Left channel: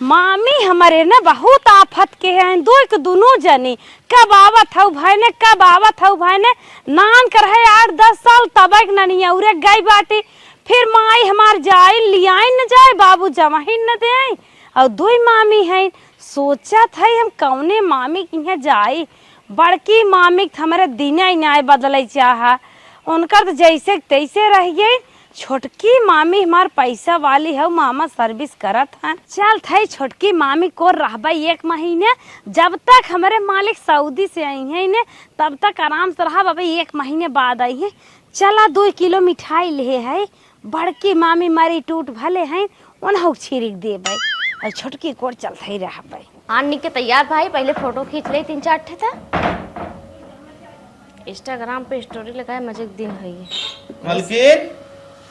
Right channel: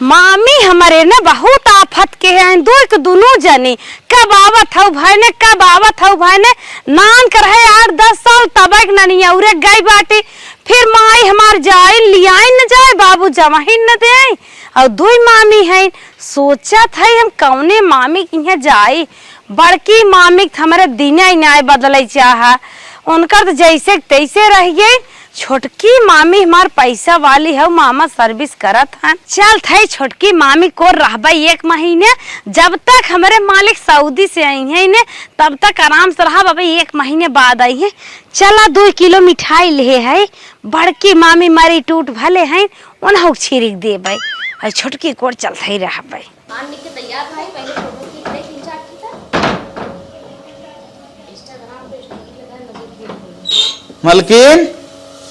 मामी हमारे ने बहुत आफत के हैं दोनों जनी कब आवत हऊ भाई ने कब आवत हऊ भाई ने नान कर है 8-10 साल तबक ननी उरे गई बाटी फिर माई हमार जाए लियाई न जाए बाबू जमा ही न दे और दुई मामी है सोचत है हम कौने मामी किन्हे जाई बड़की मामी हमारे दिन ही न्याय बदल चाह उनकर तो जैसे तैसे रह गई छोटकी मामी हमार पैसा वाली है मामा सर्विस करत हन चल थे छोटकी मामी को रहबा 1 महीने जब तक हमारे मालिक सऊदी से आई है ने तब तक आराम से रहा बाबा 1 महीने बाद आई है चला 2 किलो मिठाई ले है बड़की मामी मारी टूट भले हैं उन्हें छिड़क दे भाई और छोटकी कोर चल ही रहा भाई आने के तैयार भाई पहले फोटो खींच ले 3-4 ठे था इंस्टाग्राम पे स्टोरी लगाए मजे दिन है मलकिन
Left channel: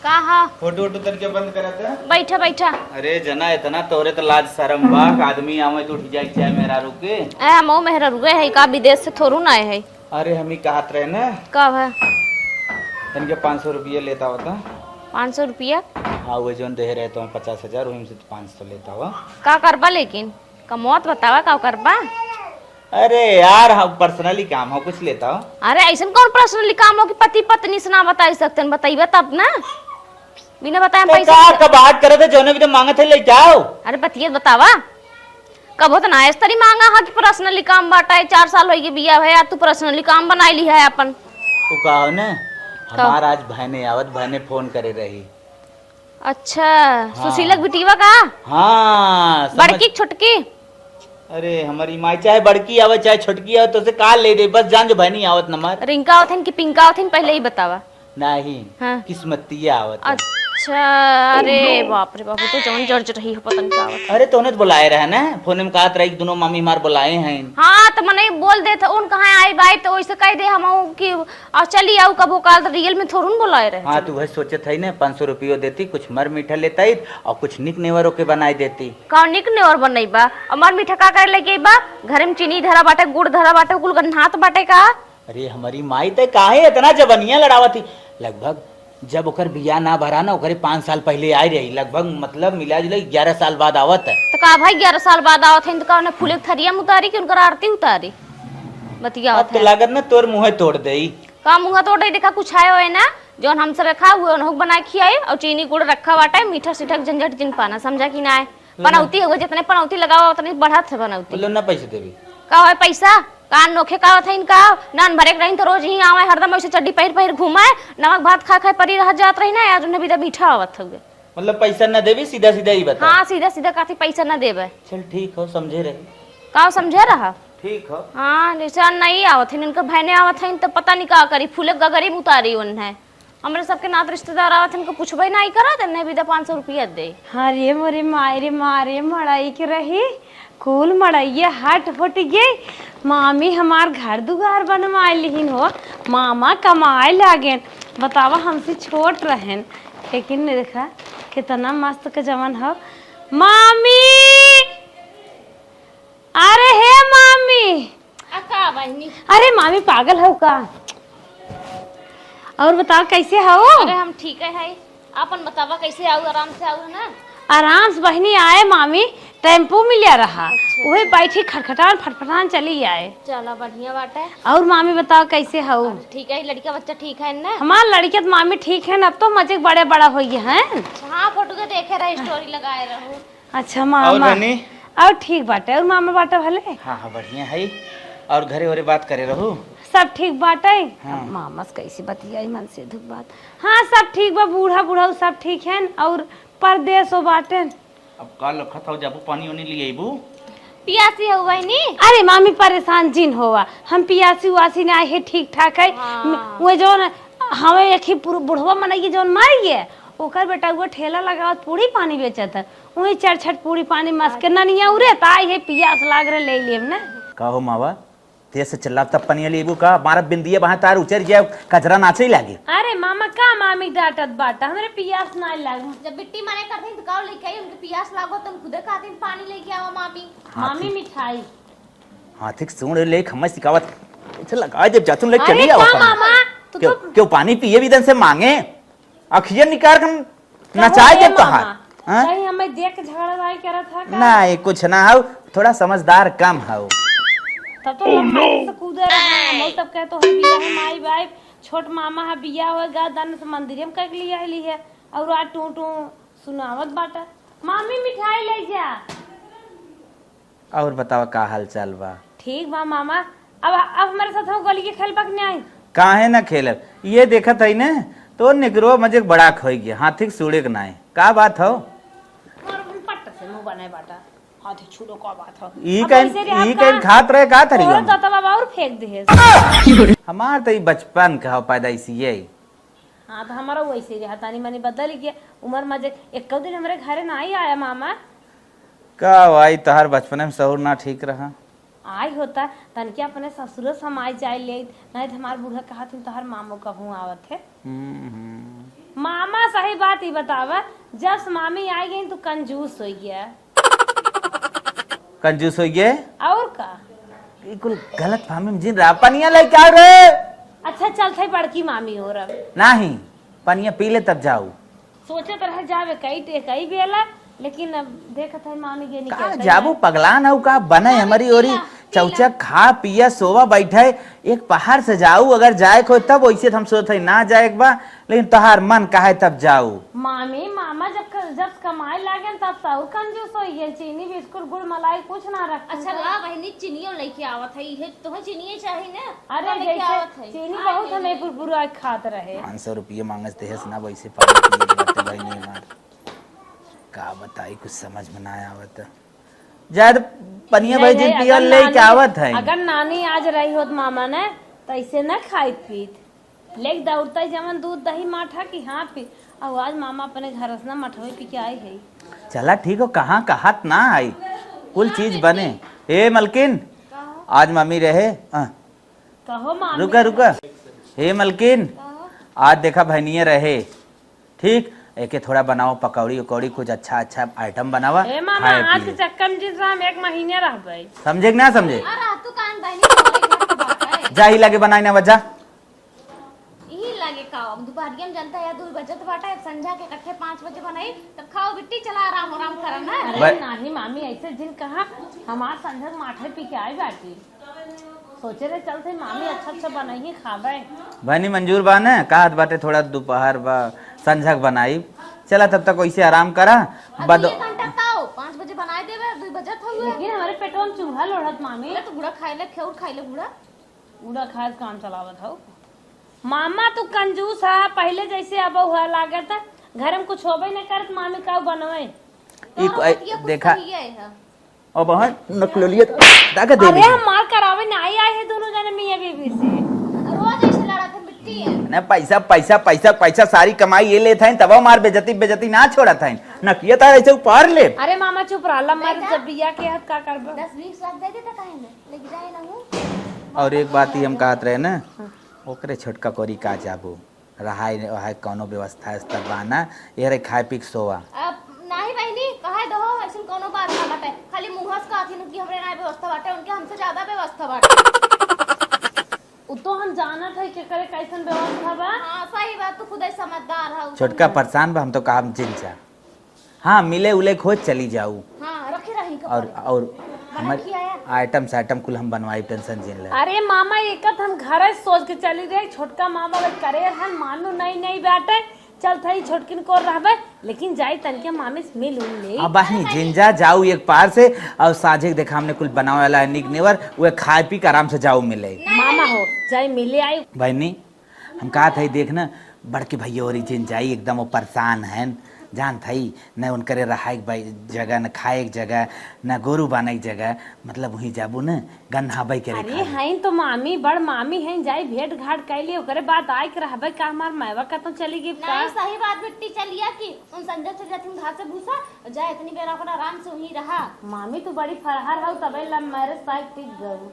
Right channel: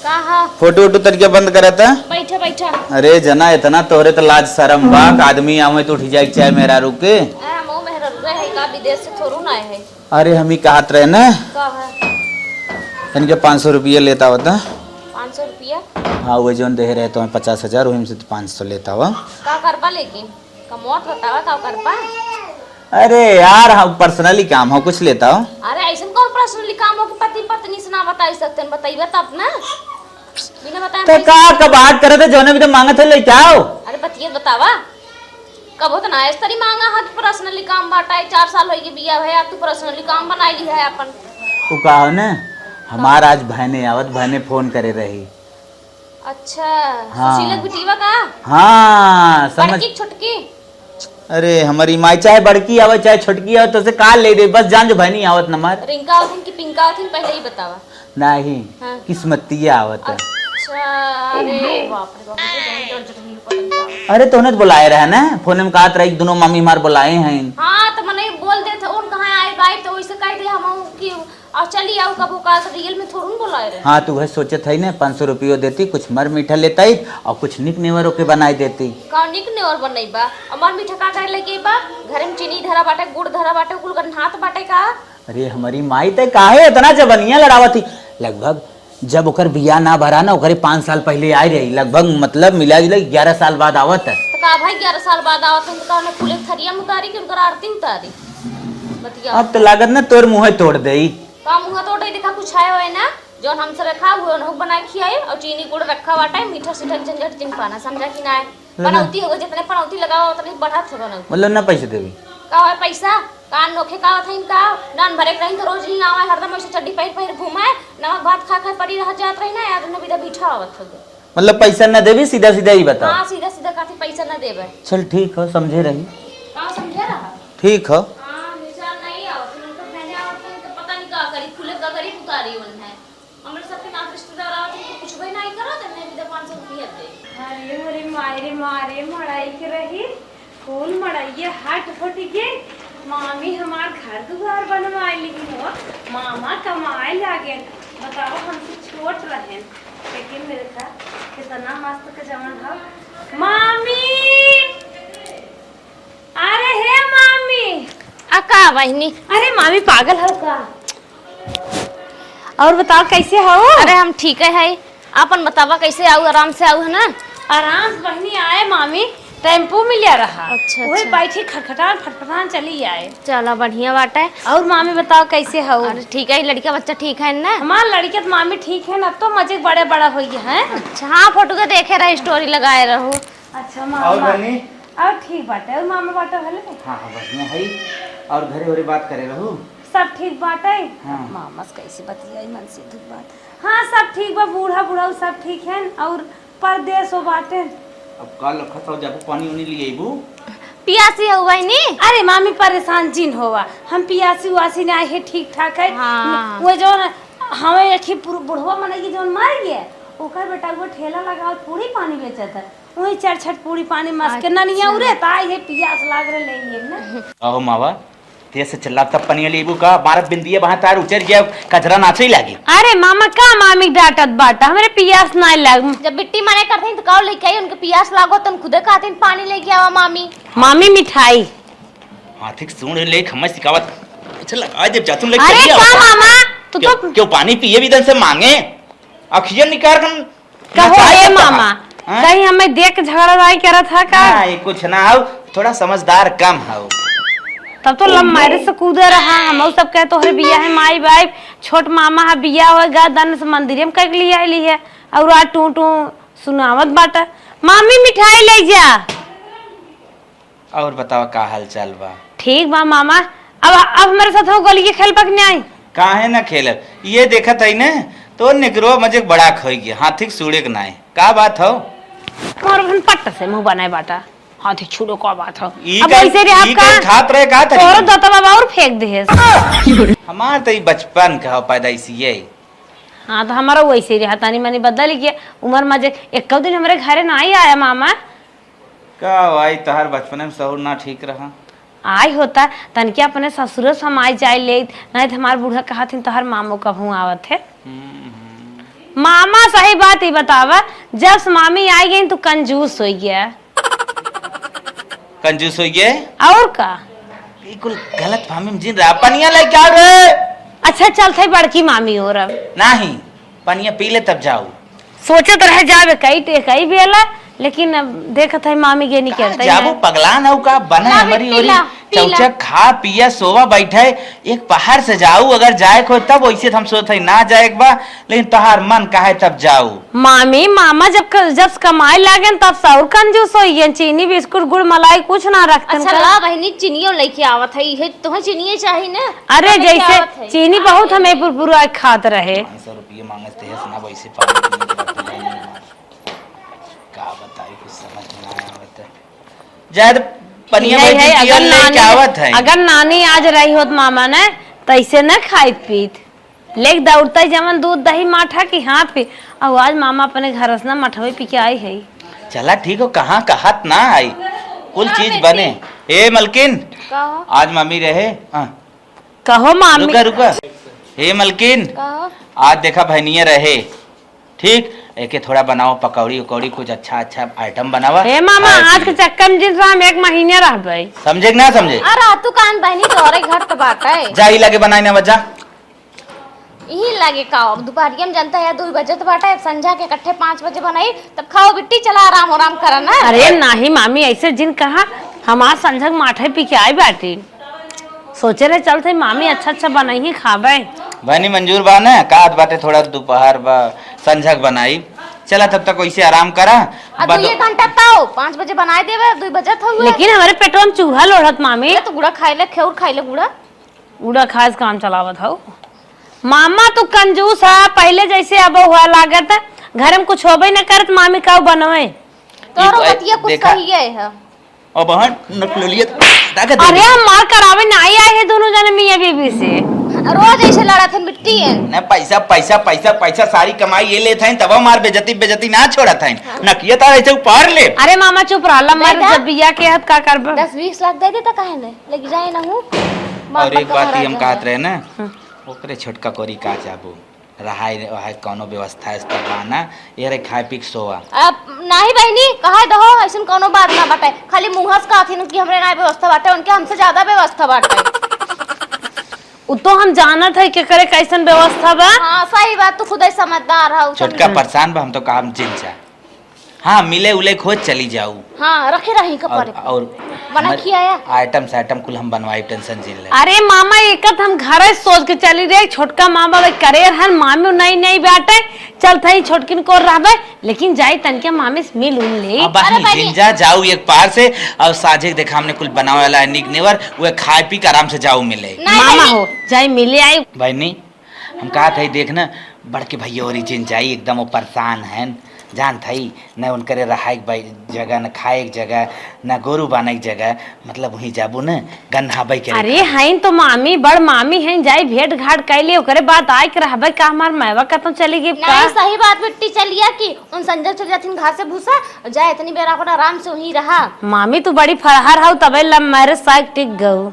का है फोटो वोटो तरीके बंद करा था बैठा बैठा अरे जना इतना तोरे तो लाज शर्म बा आदमी आवे तो उठ जाए चाहे मेरा रुके मो मेहर रुए है का विदेश से थोरू ना आए है अरे हम ही कहत रहे ना कब है इनके 500 रुपया लेता होता 500 रुपया हाँ वो जो दे रहे तो 50,000 वही से 500 लेता हुआ का करबा लेकिन कमौत बतावा का करबा अरे यार हम पर्सनली काम हो कुछ लेता हो अरे ऐसा कौन पर्सनली काम हो कि पति पत्नी से ना बता सकते बताइबे तब ना बिना बताए तो पैसा का बात करे थे जोने भी तो मांगा थे ले क्या हो अरे पतिये बतावा कब होता ना इस तरी मांगा हाथ पर्सनली काम बाटा है 4 साल हो गए बिया है यार तू पर्सनली काम बनाई ली है अपन तू का हो ना हमार आज बहने आवत बहने फोन करे रही अच्छा हाँ। सुशीलक बिटिवा का हाँ समझ बड़की छोटकी अरे हमारी माई चाहे बड़की आवत चाहे छोटकी आवत तो से का ले दे बस जान जो बहनी आवत नमार रिंका आवथिन कि पिंका आवथिन पहले ही बतावा नहीं हाँ। किस्मतिया आवत है। अच्छा अरे बाप रे बाप तो जौन जड़ रही है पता नहीं क्या आवत। अरे तो उन्हें बुलाए रहे ना फोन में कहत रही दोनों मम्मी मार बुलाए हैं हाँ तो मने बोल दे थे उन कहाँ आई भाई तो वैसे कह दे हम कि अब चली आओ कबो काल तो रियल में थोड़ू बुलाए रहे हाँ तू वही सोचे थे ना 500 रुपये देती कुछ मर मीठा लेता ही और कुछ निक नेवर के बनाई देती का निक ने और बनई बा अमर मीठा का कर लेके बा घर में चीनी धरा बाटे गुड़ धरा बाटे कुल गन्हात बाटे का अरे हमारी माई तो काहे इतना जबनिया लड़ावा थी लगभग जब ओकर बिया ना भरा ना ओकरे 5 साल पहले आई रही लगभग मतलब मिला जुला 11 साल बाद आवत है तो का भाई 11 साल बाद आवत है तो का फूले थरिया में उतारी कि उनकर आरती उतारी बतिया अब तो लागत ना तोर मुँह तोड़ दे का मुंह तोड़ देखा कुछ आए हुए ना जो हमसे रखा हुआ हो बना खियाए और चीनी गुड़ रखा बाटा मीठा सीठा झंझट जिन पाना समझा कि ना पनौती हो जितने पनौती लगाओ उतने बढ़त है पनौती मतलब ना पैसे देवी का है पैसा कान नोखे का था इनका नान भरे रही तो रोज ही आवे हरदम ऐसे चड्डी पहिर घुमाए नमक भात खा परी रह जात रही ना यार भी मीठा आवत हो मतलब पैसा न देवी सीधा सीधा ही बता हाँ सीधा सीधा काफी पैसा न देवे चल ठीक हो समझे रही का समझे रहा ठीक हो हाँ निशान नहीं आवत है इनका बहने आवत है तो पता नहीं का करी फूले का गरीब उतारी उन है हमारे सबके नात रिश्तेदार आवत इनको पूछबे नहीं करा देने भी 500 रुपया दे अरे मोरे मारे मारे मड़ाई के रही कुल मड़ाइया हट फट गई मामी हमार घर दुआर बनवाए लिहिन हो मामा कमाए लागे बतावा हमसे छोट रहन लेकिन देखा कितना मस्त के जवन हो मामी अरे हे मामी का बहनी अरे मामी पागल हो का और बताओ कैसे हो अरे हम ठीक है अपन बतावा कैसे आऊ आराम से आऊ है ना आराम से बहनी आए मामी टेम्पू मिलिया रहा अच्छा, वही अच्छा। बैठी खटखटान फटफटान चली आए चलो बढ़िया बात है और मामी बताओ कैसे हो अरे ठीक है लड़का बच्चा ठीक है ना हमार लड़की तो मामी ठीक है ना अब तो मजे बड़े बड़ा हो गए हैं अच्छा हाँ फोटो के देखे रहे स्टोरी लगाए रहो अच्छा मामा और ठीक बाटे और मामा बाटे भले हाँ हाँ बढ़िया है और घरे घरे बात करे रहो सब ठीक बाटे हाँ। मामा से कैसे बतियाई मन से दुख बात हाँ सब ठीक बा बूढ़ा बूढ़ा सब ठीक है और परदेश हो बाटे अब कल खतरा जब पानी उनी लिए बू पियासी हो गई नी अरे मामी परेशान जिन होवा हम पियासी उसी ने आए है ठीक ठाक है हाँ। वो जो हमें एक ही बुढ़वा मनाई जो मर गए ओकर बेटा वो ठेला लगावत पूरी पानी बेचत है वही 4-6 पूरी पानी मस के ननिया उरे ताई है पियास लाग रहे ले लिए ना कहो मावा तेज से चला तब पनिया लेबू का मारत बिंदिए वहां तार उचर जाए कचरा नाचे ही लागे अरे मामा का मामी डांटत बाटा हमारे पियास ना लग जब बिट्टी माने करते हैं तो काव लेके आई उनके पियास लागो तुम खुदे खाते हैं पानी लेके आवा मामी मामी मिठाई हाथी सुन ले खम्मा सिकावत अच्छा लगा जब जातुम ले अरे चली का मामा तू तो क्यों पानी पिए भी दन से मांगे अखियन निकाल कर कहो ए मामा हाँ? कहीं हमें देख के झगड़ा लड़ाई करा था का? नहीं कुछ ना हो, थोड़ा समझदार कम हो। तब तो लम्बाई से कूदे रहा। हम सब कहे तो है बिया है माई बाई, छोट मामा है बिया होगा दान से मंदिर में कर लिया है और आ टू टू सुनावत बाटा। मामी मिठाई ले जा। और बताओ का हाल चाल बा? ठीक बा मामा। अब मेरे साथ हो गली के खेल पक नहीं आई। काहे ना खेलब, ये देखत है ने तो निकरो मजे बड़ा खोई गया, हाथी सूड़े के नाय का बात हो? और भन पट्टा से मुंह बनाए बाटा, हाथी छुड़ो का बात हो। ई अब कहीं- वैसे रे ई कहीं खात रहे का थरी? और दता बाबा और फेंक दे। हमार तो ई बचपन का पैदाइशी है। हाँ तो हमारा वैसे रहा, तानी मानी बदल गया उम्र मजे। एक दिन हमारे घरे ना ही आया मामा। का भाई तहार बचपन में सहूर ना ठीक रहा? आई होता तन के अपने ससुर समाई जाए ले, नहीं तो हमारे बूढ़ा कहा थी तोहर मामो कभू आवत है। मामा सही बात ही बतावा, जब से मामी आई गई तो कंजूस हो गया। कंजूस हो गए और का? बिल्कुल गलत फहमी में जिन रहा। पनिया ले क्या रे? अच्छा चलते बड़की मामी और अब नहीं पनिया पी ले तब जाओ। सोचे तो रह जावे कई बेला, लेकिन अब देखत है मामी के नहीं करते जाबू पगला न का बना ला हमारी बेटी, ओरी ला, पी ला। चौचक खा पिया सोवा बैठे एक पहाड़ से जाऊ। अगर जाए को तब वैसे हम सोचते ना जाए बा, लेकिन तहार मन कहे तब जाऊ। मामी मामा जब कमाए लागे तब सौर कंजूस हो गए। चीनी बिस्कुट गुड़ मलाई कुछ ना रखते। अच्छा ला बहनी चीनियो लेके आवत है, ये तुम्हें चीनिए चाहिए ना? अरे हमें क्या जैसे आवत है? चीनी बहुत हमें पूरा खात रहे। 500 रुपये मांगते है सुना वैसे का बताई कुछ समझ में आया आवत जायद पनिया यही बैठी है, पियर अगर ले नानी- के आवत है। अगर नानी आज रही होत मामा ने तैसे न खाइत पीत लेक दौड़ता जमन दूध दही माठा की हाँ पी। और आज मामा अपने घर से ना मठवे पी के आई है। चला ठीक हो, कहाँ कहत ना आई कुल चीज बने। ए मलकिन कहो आज मम्मी रहे हाँ। कहो मामी। रुका रुका हे मलकिन कहो आज देखा बहनिया रहे ठीक, एके थोड़ा बनाओ पकौड़ी उकौड़ी कुछ अच्छा अच्छा आइटम बनावा। हे मामा खाए आज के पिए। चक्कर में जिस हम एक महीने रह गए। समझे कि ना समझे? अरे तू कान बहनी तोरे घर के बात है। जा ही लगे बनाई ना बजा। यही लगे का अब दोपहरिया में जनता है 2 बजे तो बाटा संझा के इकट्ठे 5 बजे बनाई तब खाओ बिट्टी चला आराम करा ना। अरे नहीं मामी ऐसे जिन कहा हमार संझक माठे पी के आई बैठी। सोचे रहे चलते मामी अच्छा बनाई ही खाबे। बहनी मंजूर बा ना कात बाटे थोड़ा दोपहर बा संझक बनाई। चला तब तक वैसे आराम करा। अब 2 घंटा ताओ 5 बजे बनाए देवे 2 बजे था हुए। लेकिन हमारे पेटवा में चूहा लोढ़त मामी। तो गुड़ा खाई ले खेउर खाई ले गुड़ा। उड़ा खास काम चलावत हो। मामा तो कंजूस है पहले जैसे अब हुआ लागत है। घर में कुछ होबे न करत मामी का बनवे। तोरो ये बतिया कुछ देखा- सही है। और बहन नकलोलियत ताकत दे अरे दी। हम मार करावे नहीं आए हैं दोनों जने मियां बीबी से। रोज ऐसे लड़ा थे मिट्टी है। ना पैसा पैसा पैसा पैसा सारी कमाई ये लेते हैं तब मार बेजती बेजती ना छोड़ा था न किया था ऐसे पार ले। अरे मामा चुप रहा मर बेटा। जब बिया के हाथ का करब। 10-20 लाख दे देता काहे ने लेके जाए ना हूं। और एक बात ही हम कहत रहे ना ओकरे छोटका कोरी का जाबू रहाय वहाय कोनो व्यवस्था इस पर बाना ये रे खाए पी के सोवा। अब नाही बहनी कहा दहो ऐसन कोनो बात ना बाटे खाली मुंहस का आथिन कि हमरे ना व्यवस्था बाटे उनके हमसे ज्यादा व्यवस्था बाटे। उ तो हम जानत है के करे कैसन व्यवस्था बा। हां सही बात तू खुद ही समझदार है। छोटका परेशान बा हम तो कहा हम जिन जा हाँ मिले उले खोज चली जाऊ। हां रखे रही कपर और बना खियाया आइटम कुल हम बनवाई टेंशन जिन ले। अरे मामा एकत हम घर सोच के चली रे छोटका माँ बाबा करे हर मामी नहीं बैठे चल थई छोटकिन को रहबे लेकिन जाई तन के मामी से मिल उन ले। अब बहनी जिंजा जाऊ एक पार से और साझे देखा हमने कुल बनावे वाला है निक नेवर वो खाए पी के आराम से जाऊ मिले। मामा हो जाई मिले आई। बहनी हम कहा था देखना बड़के भैया और जिन जाई एकदम वो परेशान है जान थई न उनकरे रहा जगह न खाए एक जगह न गोरू बाना एक जगह मतलब वही जाबू न गन्हाबई के। अरे हैं तो मामी बड़ मामी हैं जाई भेंट घाट कैले ओकरे बात आय के रहबे का हमार मैवा का तो चली गई का। नहीं सही बात मिट्टी चलिया कि उन संजय चल जाथिन घास से भूसा जाए इतनी बेर अपन आराम से वही रहा। मामी तू बड़ी फरहर हो तबे लम मेरे साग टिक गऊ।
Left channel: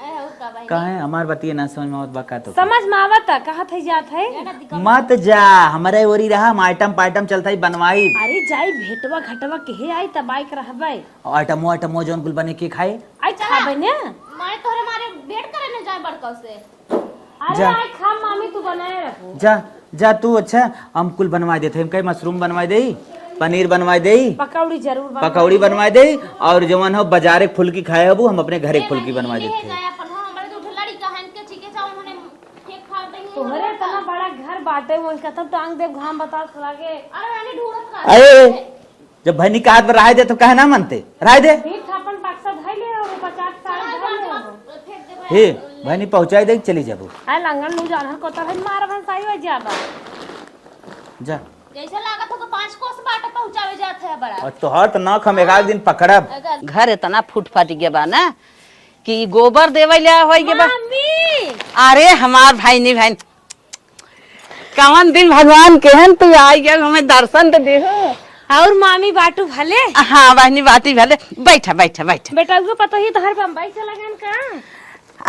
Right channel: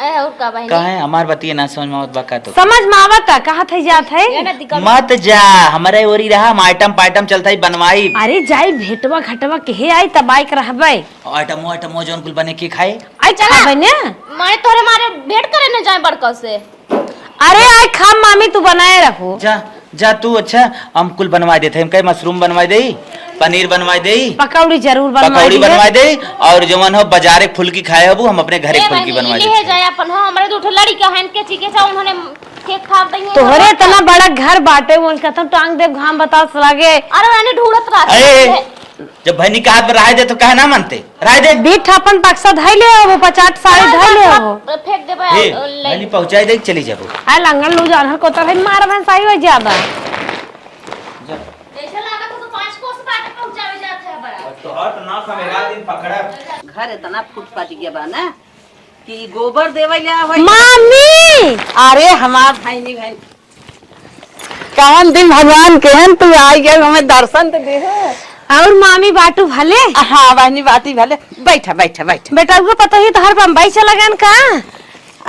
ए और का बहनी कहे हमार बतिया ना समझ में आवत बा का तो समझ में आवता कहा थे जात है। ये ना दिक्कत मत जा हमारे ओरी रहा हम आइटम पाइटम चलता ही बनवाई। अरे जाई भेटवा घटवा के आई तब आय के रहबे आइटम जौन कुल बने के खाए आई खाबे ने। मैं तोरे मारे भेंट करे न जाए बड़का से। अरे आय खा मामी तू बनाए रखो। जा जा तू अच्छा हम कुल बनवा देते हम कहे मशरूम बनवा दे पनीर बनवाई दे, पकौड़ी जरूर पकौड़ी बनवाई दे, और जवन हो बाजारे फुल्की खाए हो हम अपने घरे फुल्की बनवाई ले दे। जाए अपन हो हमरे दो लड़ी का हन के चीके सा उन्होंने केक खा दई तोहरे इतना बड़ा घर बाटे उनका तुम टांग दे घाम बता लागे। अरे मैंने ढूंढत ए, रहा जब बहनी का हाथ में राय दे तो कहे ना मनते, राय दे बीठ अपन पक्सा धइ ले वो 50 साड़ी धइ ले वो फेंक दे हे बहनी पहुंचाई दे चली जाबो आ लंगन लू जान को तो मार बहन सही हो ज्यादा जा। जैसे लगा तो 5 कोस बाटे पहुंचावे जात है बड़ा और तो हर ना हम एक दिन पकड़ब। घर इतना फूट गया बा ना कि गोबर देवे ले होई। मामी अरे हमार भाई नहीं भाई कौन दिन भगवान केहन तू आई गए हमें दर्शन तो दे। और मामी बाटू भले। हाँ बहनी बाती भले बैठा बैठा बैठा। बेटा को पता ही तो हर बम्बई चला गन का।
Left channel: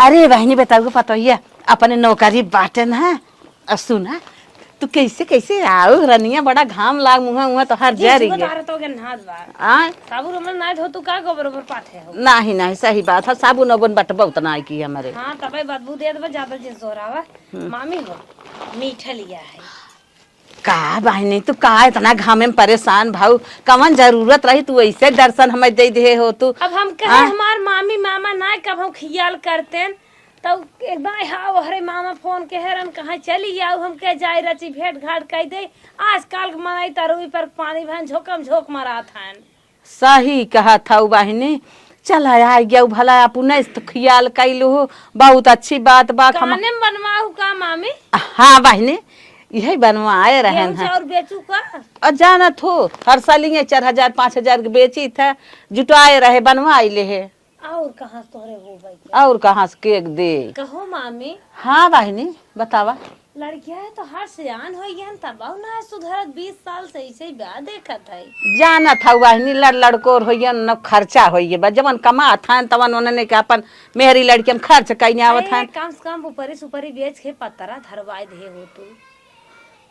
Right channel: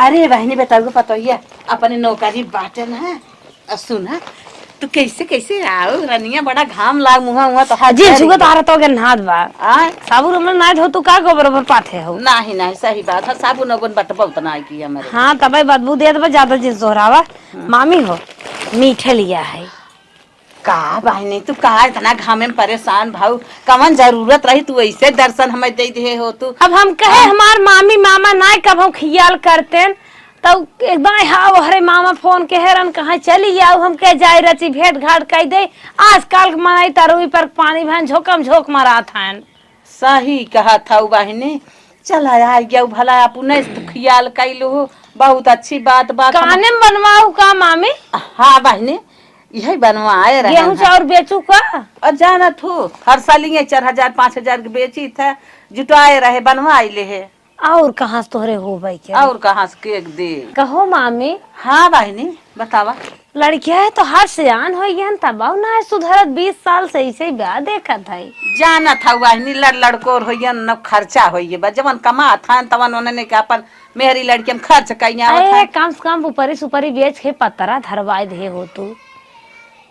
अरे बहनी बेटा को पता ही है अपने नौकरी बाटे ना। सुन तू कैसे कैसे आओ रनिया बड़ा घाम लाग मुहा तो जी जुगा तारा तो गन हाथ बा आ साबुन हमन नाय धो तू का गोबर ओबर पाथे हो। नहीं नहीं सही बात है साबुन ओबुन बटबा उतना है की हमारे। हां तबे बदबू देत बा ज्यादा जिन सोहरावा। मामी हो मीठे लिया है का बहनी तू का इतना घामे में परेशान भाऊ कवन जरूरत रही तू ऐसे दर्शन हमें दे दे हो तू। अब हम कहे हमार मामी मामा नाय कब हम खियाल करतेन तो एकदम हाँ हरे मामा फोन के हेरन कहाँ चली जाओ हम कह जाए रची भेंट घाट कह दे आजकल मनाई तरुई पर पानी भन झोकम झोंक मारा था। सही कहा था बहनी चल आ गया भला अपने ख्याल कैलू बहुत अच्छी बात बात काने में बनवाऊ का मामी। हाँ बहनी यही बनवाए रहे गेहूं चाउर बेचू का और जाना थू हर साल 4,000-5,000 के बेची था जुटाए रहे बनवाए ले है। और कहाँ से तोहरे हो भाई क्या और कहाँ से केक दे कहो मामी। हाँ बहनी बतावा लड़किया है तो हर सियान हो गया तब ना है सुधरत 20 साल से ऐसे ही ब्याह देखा था। जाना था बहनी लड़को होइए न खर्चा होइए बा जवन कमा था तवन उन्होंने के अपन मेहरी लड़की में खर्च कहीं आवत है। कम से कम ऊपरी सुपरी बेच के पतरा धरवाए दे हो तू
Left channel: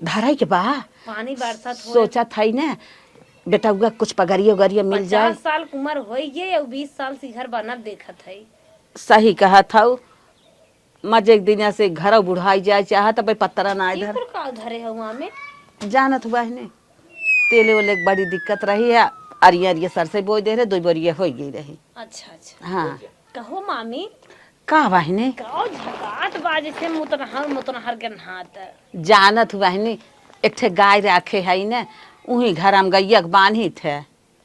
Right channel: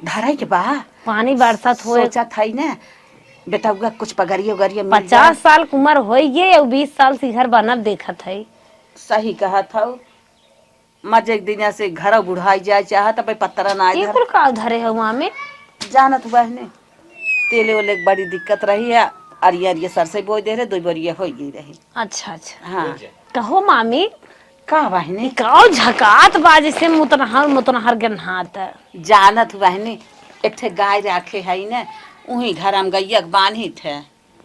धरे के बा पानी बरसात हो सोचा था ना बेटा कुछ पगड़ियो गरियो 50 साल की उम्र हो गई और 20 साल से घर बनल देखा था। सही कहा था मजे एक दिन से घर बुढ़ाई जाए चाहे तो पत्थर ना ये कुल का धरे हो मामी। जानत बहने तेले वाले बड़ी दिक्कत रही है अरिया अरिया सर से बोई दे रहे 2 बोरिया हो गई रही। अच्छा अच्छा हाँ कहो मामी का बहनी कहो झकात बाजे से मुतनहर गन्हात जानत बहनी एक गाय रखे है ना उही घर में गैया बांधी थे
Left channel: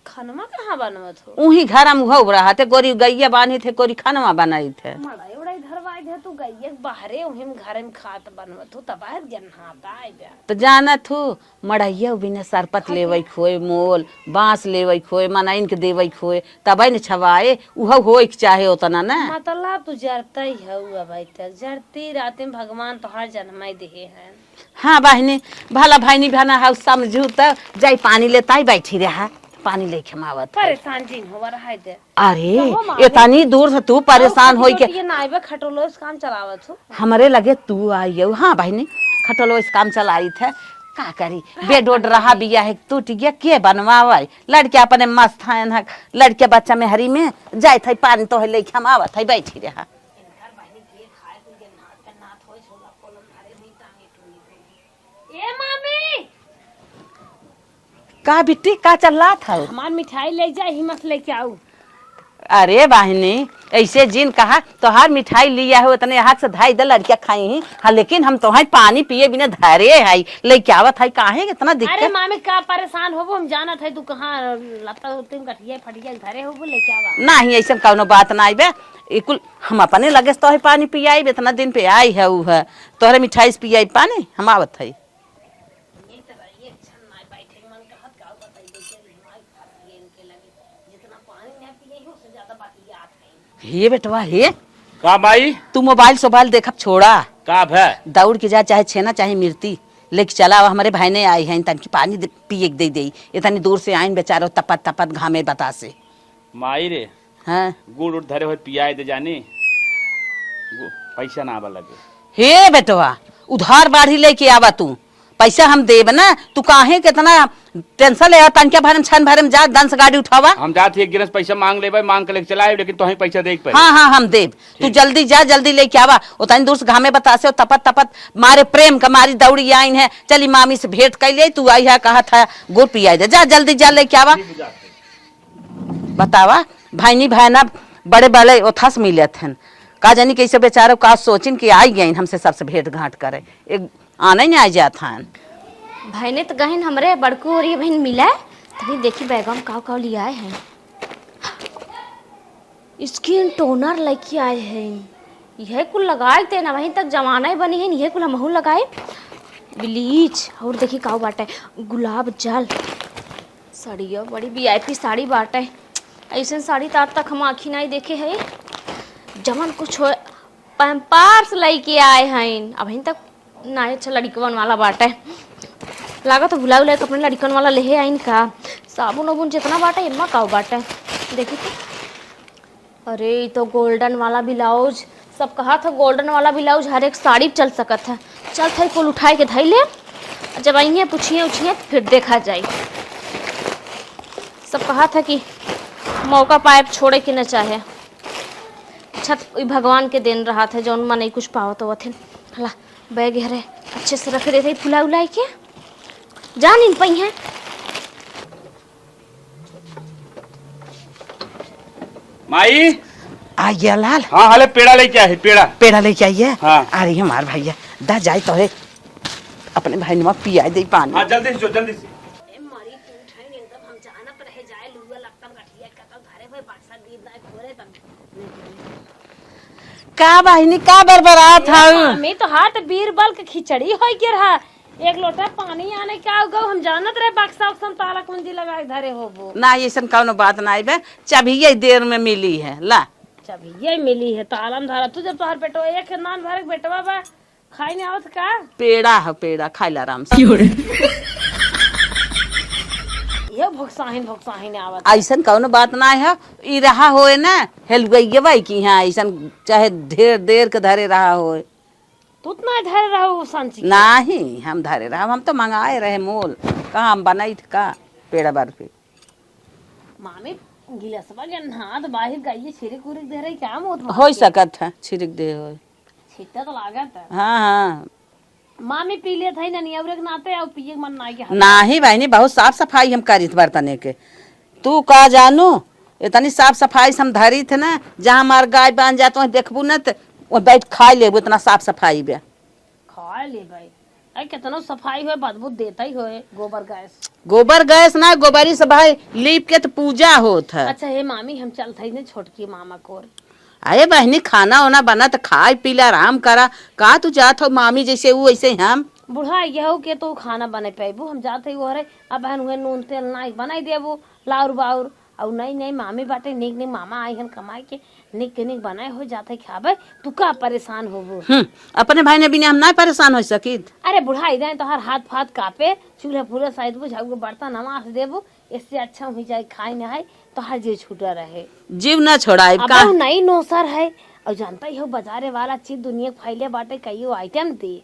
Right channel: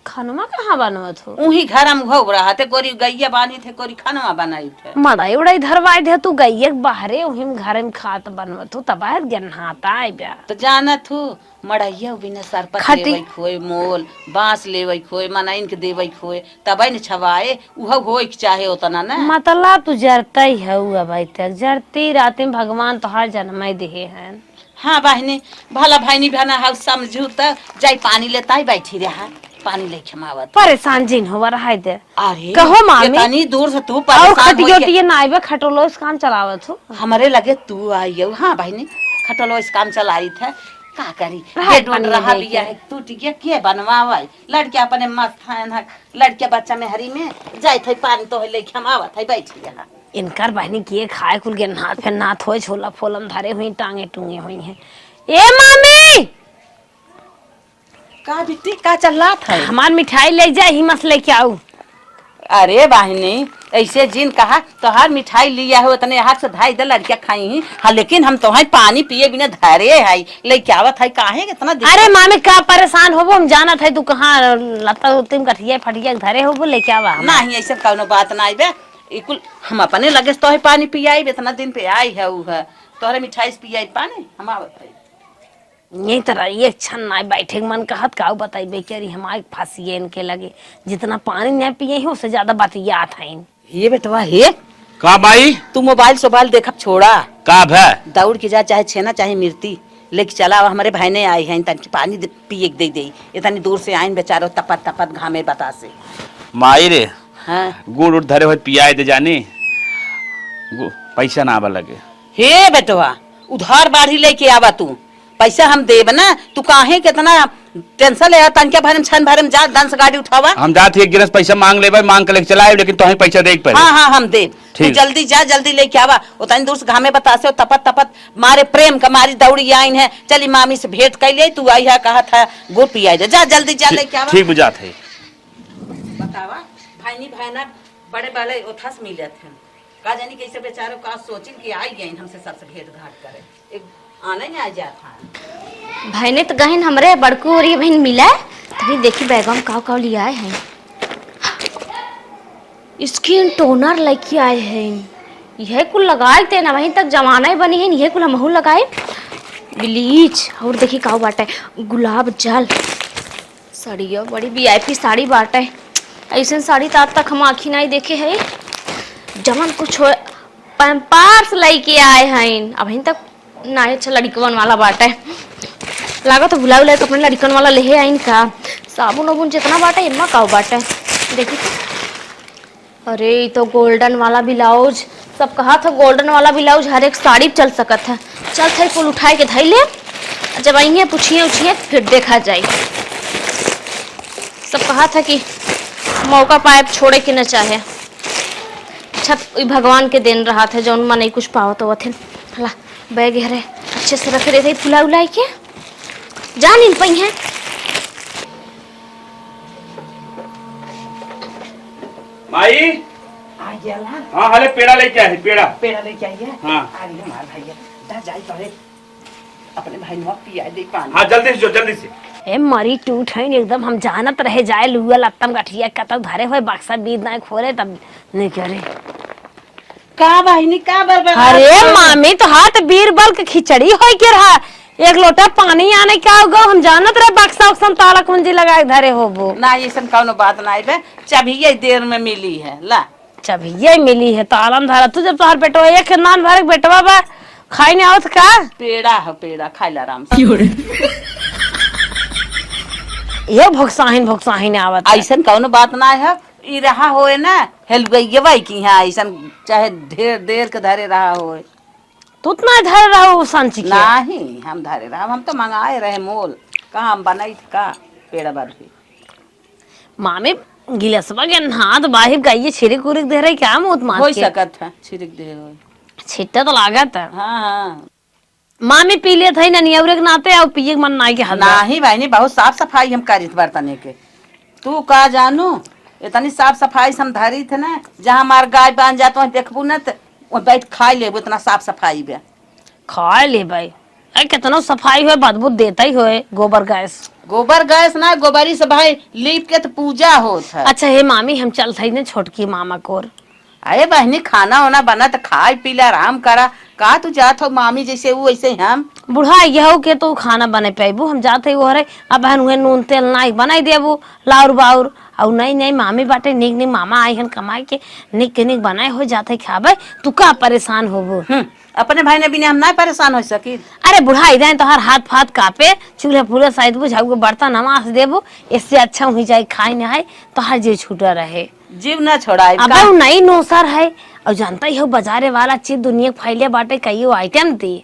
खनमा कहाँ बनवत हो उही घर में हो रहा थे गोरी गैया बांधी थे गोरी खनवा बनाई थे मड़ाई उड़ाई धरवाई दे तू गई बाहरे उही में घर में खात बनवत हो तब गन्हाता आई ब्या तो जानत हो मड़ैया बिना सरपत लेवई खोए मोल बांस लेवई खोए मनाइन के देवई खोए तबे न छवाए उह होई चाहे उतना ना मतलब तू जरता ही है भाई तक जरती रात में भगवान तो हर जन्म दे हैं। हाँ बहनी भला भाईनी बहना हाउ समझू त जाई पानी लेता ही बैठी रहा पानी ले खमावत परेशान जिन हो रहा है दे। अरे कहो मामी इतनी दूर से तू परेशान हो ये नाइबे खटोलो इस काम चलावत हो हमरे लगे तू आई हो। हाँ बहनी खटोलो इस काम चलाई थे का करी बेड उड रहा बिया है टूट गया के बनवावे लड़के अपने मस्त है लड़के बच्चा में हरी में जाए थे पानी तो ले खमावत है बैठी रहा। इनकर बहनी किए खाए कुल के नाथ पे नाथ होए छोला फोलम धरे हुई टांगे टूंगे हुई हैं। ए मामी का बिट्टी का चलना है हमार मिठाई ले जाए हिम्मत लेके आऊ। अरे बहनी ऐसे जिन कहा तोहार मिठाई लिया हो उतने हाथ से धाई दे लड़किया खाई ही हाँ लेकिन हम तुम्हारे पानी पिए बिना धारे है लेके आवत है काहे इतना अरे मामी का परेशान होबो हम जाना था तू कहाँ लता तुम कठिया फटिया धरे होबो लेके आवा नहीं ऐसा कौनो बात ना आइबे इकुल हम अपने लगे तो पानी पियाई इतना दिन पे आई है उ है तोहरे मिठाई से पियाई पानी हम आवत है यही तरह ये क्षण ना बैठे मन कहत का बताई बेचारी हमारे फांसी इनके लगे जितना पानी नहीं पिए ही उससे ज्यादा बात याद है। ये बेटवा हे का भाई तू मोबाइल सोबाइल देखब छोड़ा का भै दौड़ के जा चाहे छेना चाहे मिर्ती लेके चला हमारे भाई ने आई है तन पानी पिए दे दे इतनी दूर से आइन बेचारो तपत तपत घामे बता से माई रे हाँ गुड़ उड़ धरे हुए पियाए दे जानी पैसा ना आवा लगे। हे बेटवा उधार बाढ़ी लेके आवा तू पैसा हम देब ना तू काहे कितना टेंशन ले तनके भरम छन भरम जा दन से गाड़ी उठावा। हम जाते एक गिरस पैसा मांग लेबै, मांग के लेके चलाए, लेकिन तो पैसा दे के हाँ हाँ हम देव। तू ठीक। जल्दी जा, जल्दी लेके आवा। उतनी दूर से घामे बतासे तपत तपत मारे प्रेम का मारी दौड़ी आइन है। चली मामी से भेंट कर ले, तू आई है कहा था गुड़ पिया जा, जल्दी जा लेके आवा। ठीक बुझात है। बतावा भाई नहीं भाई ना बड़े बड़े ओथस मिले थे का जानी कैसे बेचारे का सोचिन कि आई गई हमसे सबसे भेंट घाट करे, एक आना ही नहीं आ जाता है। भाई तो गहन हमरे बड़कू और ये बहन मिला है, तभी देखी बैगम काव लिया आए हैं। स्किन टोनर लेके आए हैं, यह कुल लगाए थे ना, वहीं तक जमाना ही बनी है, यह कुल हमहू लगाए। ब्लीच और देखी काव बाटे गुलाब जल, साड़िया बड़ी VIP साड़ी बाटे। ऐसे साड़ी तो आज तक हम आँखी नहीं देखे है। जमन कुछ पैम्पार्स लेके आए हैं, अभी तक ना अच्छा लड़कन वाला बाटे। लागत तो भुला भुला अपने लड़कन वाला ले आइन का। साबुन वाबुन जितना बाटे इतना काव बाटे देखी तो। अरे ये तो गोल्डन वाला ब्लाउज, सब कहा था गोल्डन वाला ब्लाउज हर एक साड़ी चल सकत है। चल थे कुल उठाए के धैले, जब आइए पूछिए उछिए फिर देखा जाए। सब कहा था कि मौका पाए छोड़े के न चाहे। छत भगवान के देन रहा था जौन मन नहीं कुछ पाओ तो थे। ला बैग हरे अच्छे से रखे रहते फुला उलाई के जा नहीं पाई है। माई आ गया लाल। हाँ हाले पेड़ा लेके आए, पेड़ा लेके आइए। हाँ। आ रही है हमार भैया दा जाए तो है अपने भाई नुआ पिया दे पानी। हाँ जल्दी से जल्दी से। ए मरी टूट है एकदम, हम जानत रहे जाए लुआ लत्तम गठिया कतक धरे हुए बक्सा बीत ना खोरे तब नहीं करे। का बहनी का बरबरा। अरे मामी तो हाथ बीरबल के खिचड़ी होई के रहा, एक लोटा पानी आने का होगा, हम जानत रहे बक्सा उक्सा ताला कुंजी लगा के धरे होबो ना। ये सन कौनो बात ना बे, चाबी देर में मिली है ला। जब ये मिली है तालम धरा तू जब तोहर पेटवा एक नान भर के बेटवा बा खाई नहीं आवत का। पेड़ा है पेड़ा खाई ला आराम से। ये भोक्साहिन आवत ऐसन कौनो बात ना है। ई रहा होए ना हेल गई भाई की यहाँ ऐसन चाहे ढेर देर के धरे रहा होए तू उतना धर रहो सांची के। नहीं हम धरे रहा, हम तो मंगाए रहे मोल कहाँ हम बनाई का पेड़ा बर्फी। मामी गिलसवा के हाथ बाहिर गाइए छिड़क उरिक दे रहे क्या मुत मार हो के सकत है छिड़क दे होए। छिट्टा तो लागत है। हाँ हाँ मामी पी ले थे ननियौरे के नाते और पिए के मन नाई के हाथ। नहीं बहनी बहुत साफ सफाई हम करी थे बर्तने के। तू का जानू इतनी साफ सफाई से हम धरी थे ना, जहाँ हमार गाय बांध जाते वहीं देखबू ना तो वो बैठ खा ले इतना साफ सफाई बे। खा ले भाई, अरे कितना सफाई हुए बदबू देता ही होए गोबर गैस। गोबर गैस ना गोबरी से भाई लीप के तो पूजा होता है। अच्छा हे मामी हम चल थे ना छोटकी मामा कोर। अरे बहनी खाना वाना बना तो खाए पी ले आराम करा। का तू जात हो मामी जैसे वो वैसे ही हम। बुढ़ा यहो के तो खाना बने पेबू, हम जाते हो रे अब बहन हुए नून तेल नाई बनाई देबू लाउर बाउर और नहीं मामी बाटे निक निक मामा आई हन कमाई के निक निक बनाए हो जाते खाबे। तू का परेशान होबू। अपने भाई ने बिना हम ना परेशान हो सकी। अरे बुढ़ा इधर तो हर हाथ फाथ कापे चूल्हे फूले शायद बुझाऊ के बर्तन नमाज देबू, इससे अच्छा हुई जाए खाई नहाई तो हर जीव छूटा रहे, जीव ना छोड़ाए। अब नहीं नोसर है और जानता ही हो बाजारे वाला चीज दुनिया फैले बाटे कई आइटम दी।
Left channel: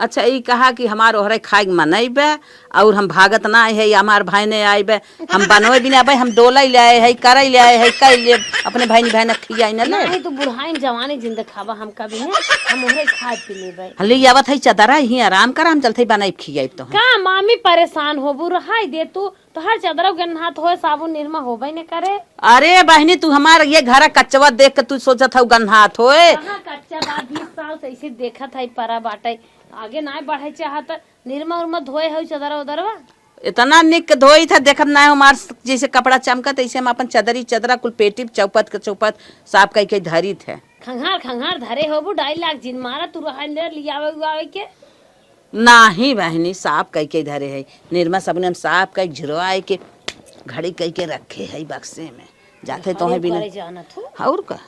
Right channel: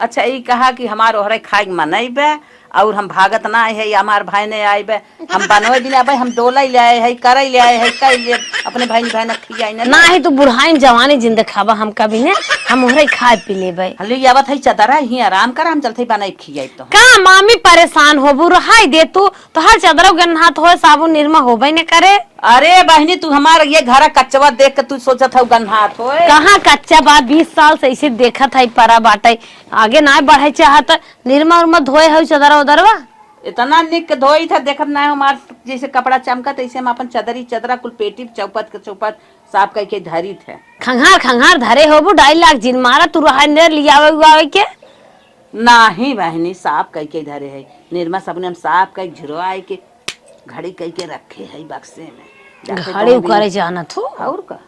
अच्छा ये कहा कि हमार ओहरे खाए मनैबे और हम भागत ना आए है या हमार भाई ने आए हम बनवे बिना भाई हम डोला ले आए है करे ले आए है कई ले अपने भाई ने खियाई ना। ना ही तो बुढ़ाई जवानी जिंदा खाबा हम कभी ने हम ओहरे खाए पी लेबे। हम ले आवत है चदरा ही आराम कर हम चलते बनाई खियाई तो का मामी परेशान होबू रहाई दे तू तो हर चदरा गन्हात हो साबुन निरमा होबे न करे। अरे बहनी तू हमार ये घर कच्चवा देख के तू सोचत है गन्हात होए। कहाँ कच्चा बात 20 साल से ऐसे देखा था परा बाटे आगे ना बढ़े चाहत निरमा उरमा धोए है चदरा उदरवा इतना निक धोई था देखत ना हमार जैसे कपड़ा चमकत ऐसे हम अपन चदरा कुल पेटी चौपत के चौपत साफ कई के धरी थे। खंगार धरे होबू 2.5 लाख जिन मारा तू रहा लियावे उआवे के नाही बहनी साफ कई के धरे है निरमा सबने हम साफ कई झुरवाए के घड़ी कई के रखे है बक्से में घड़ी उकारे जाना थू। और का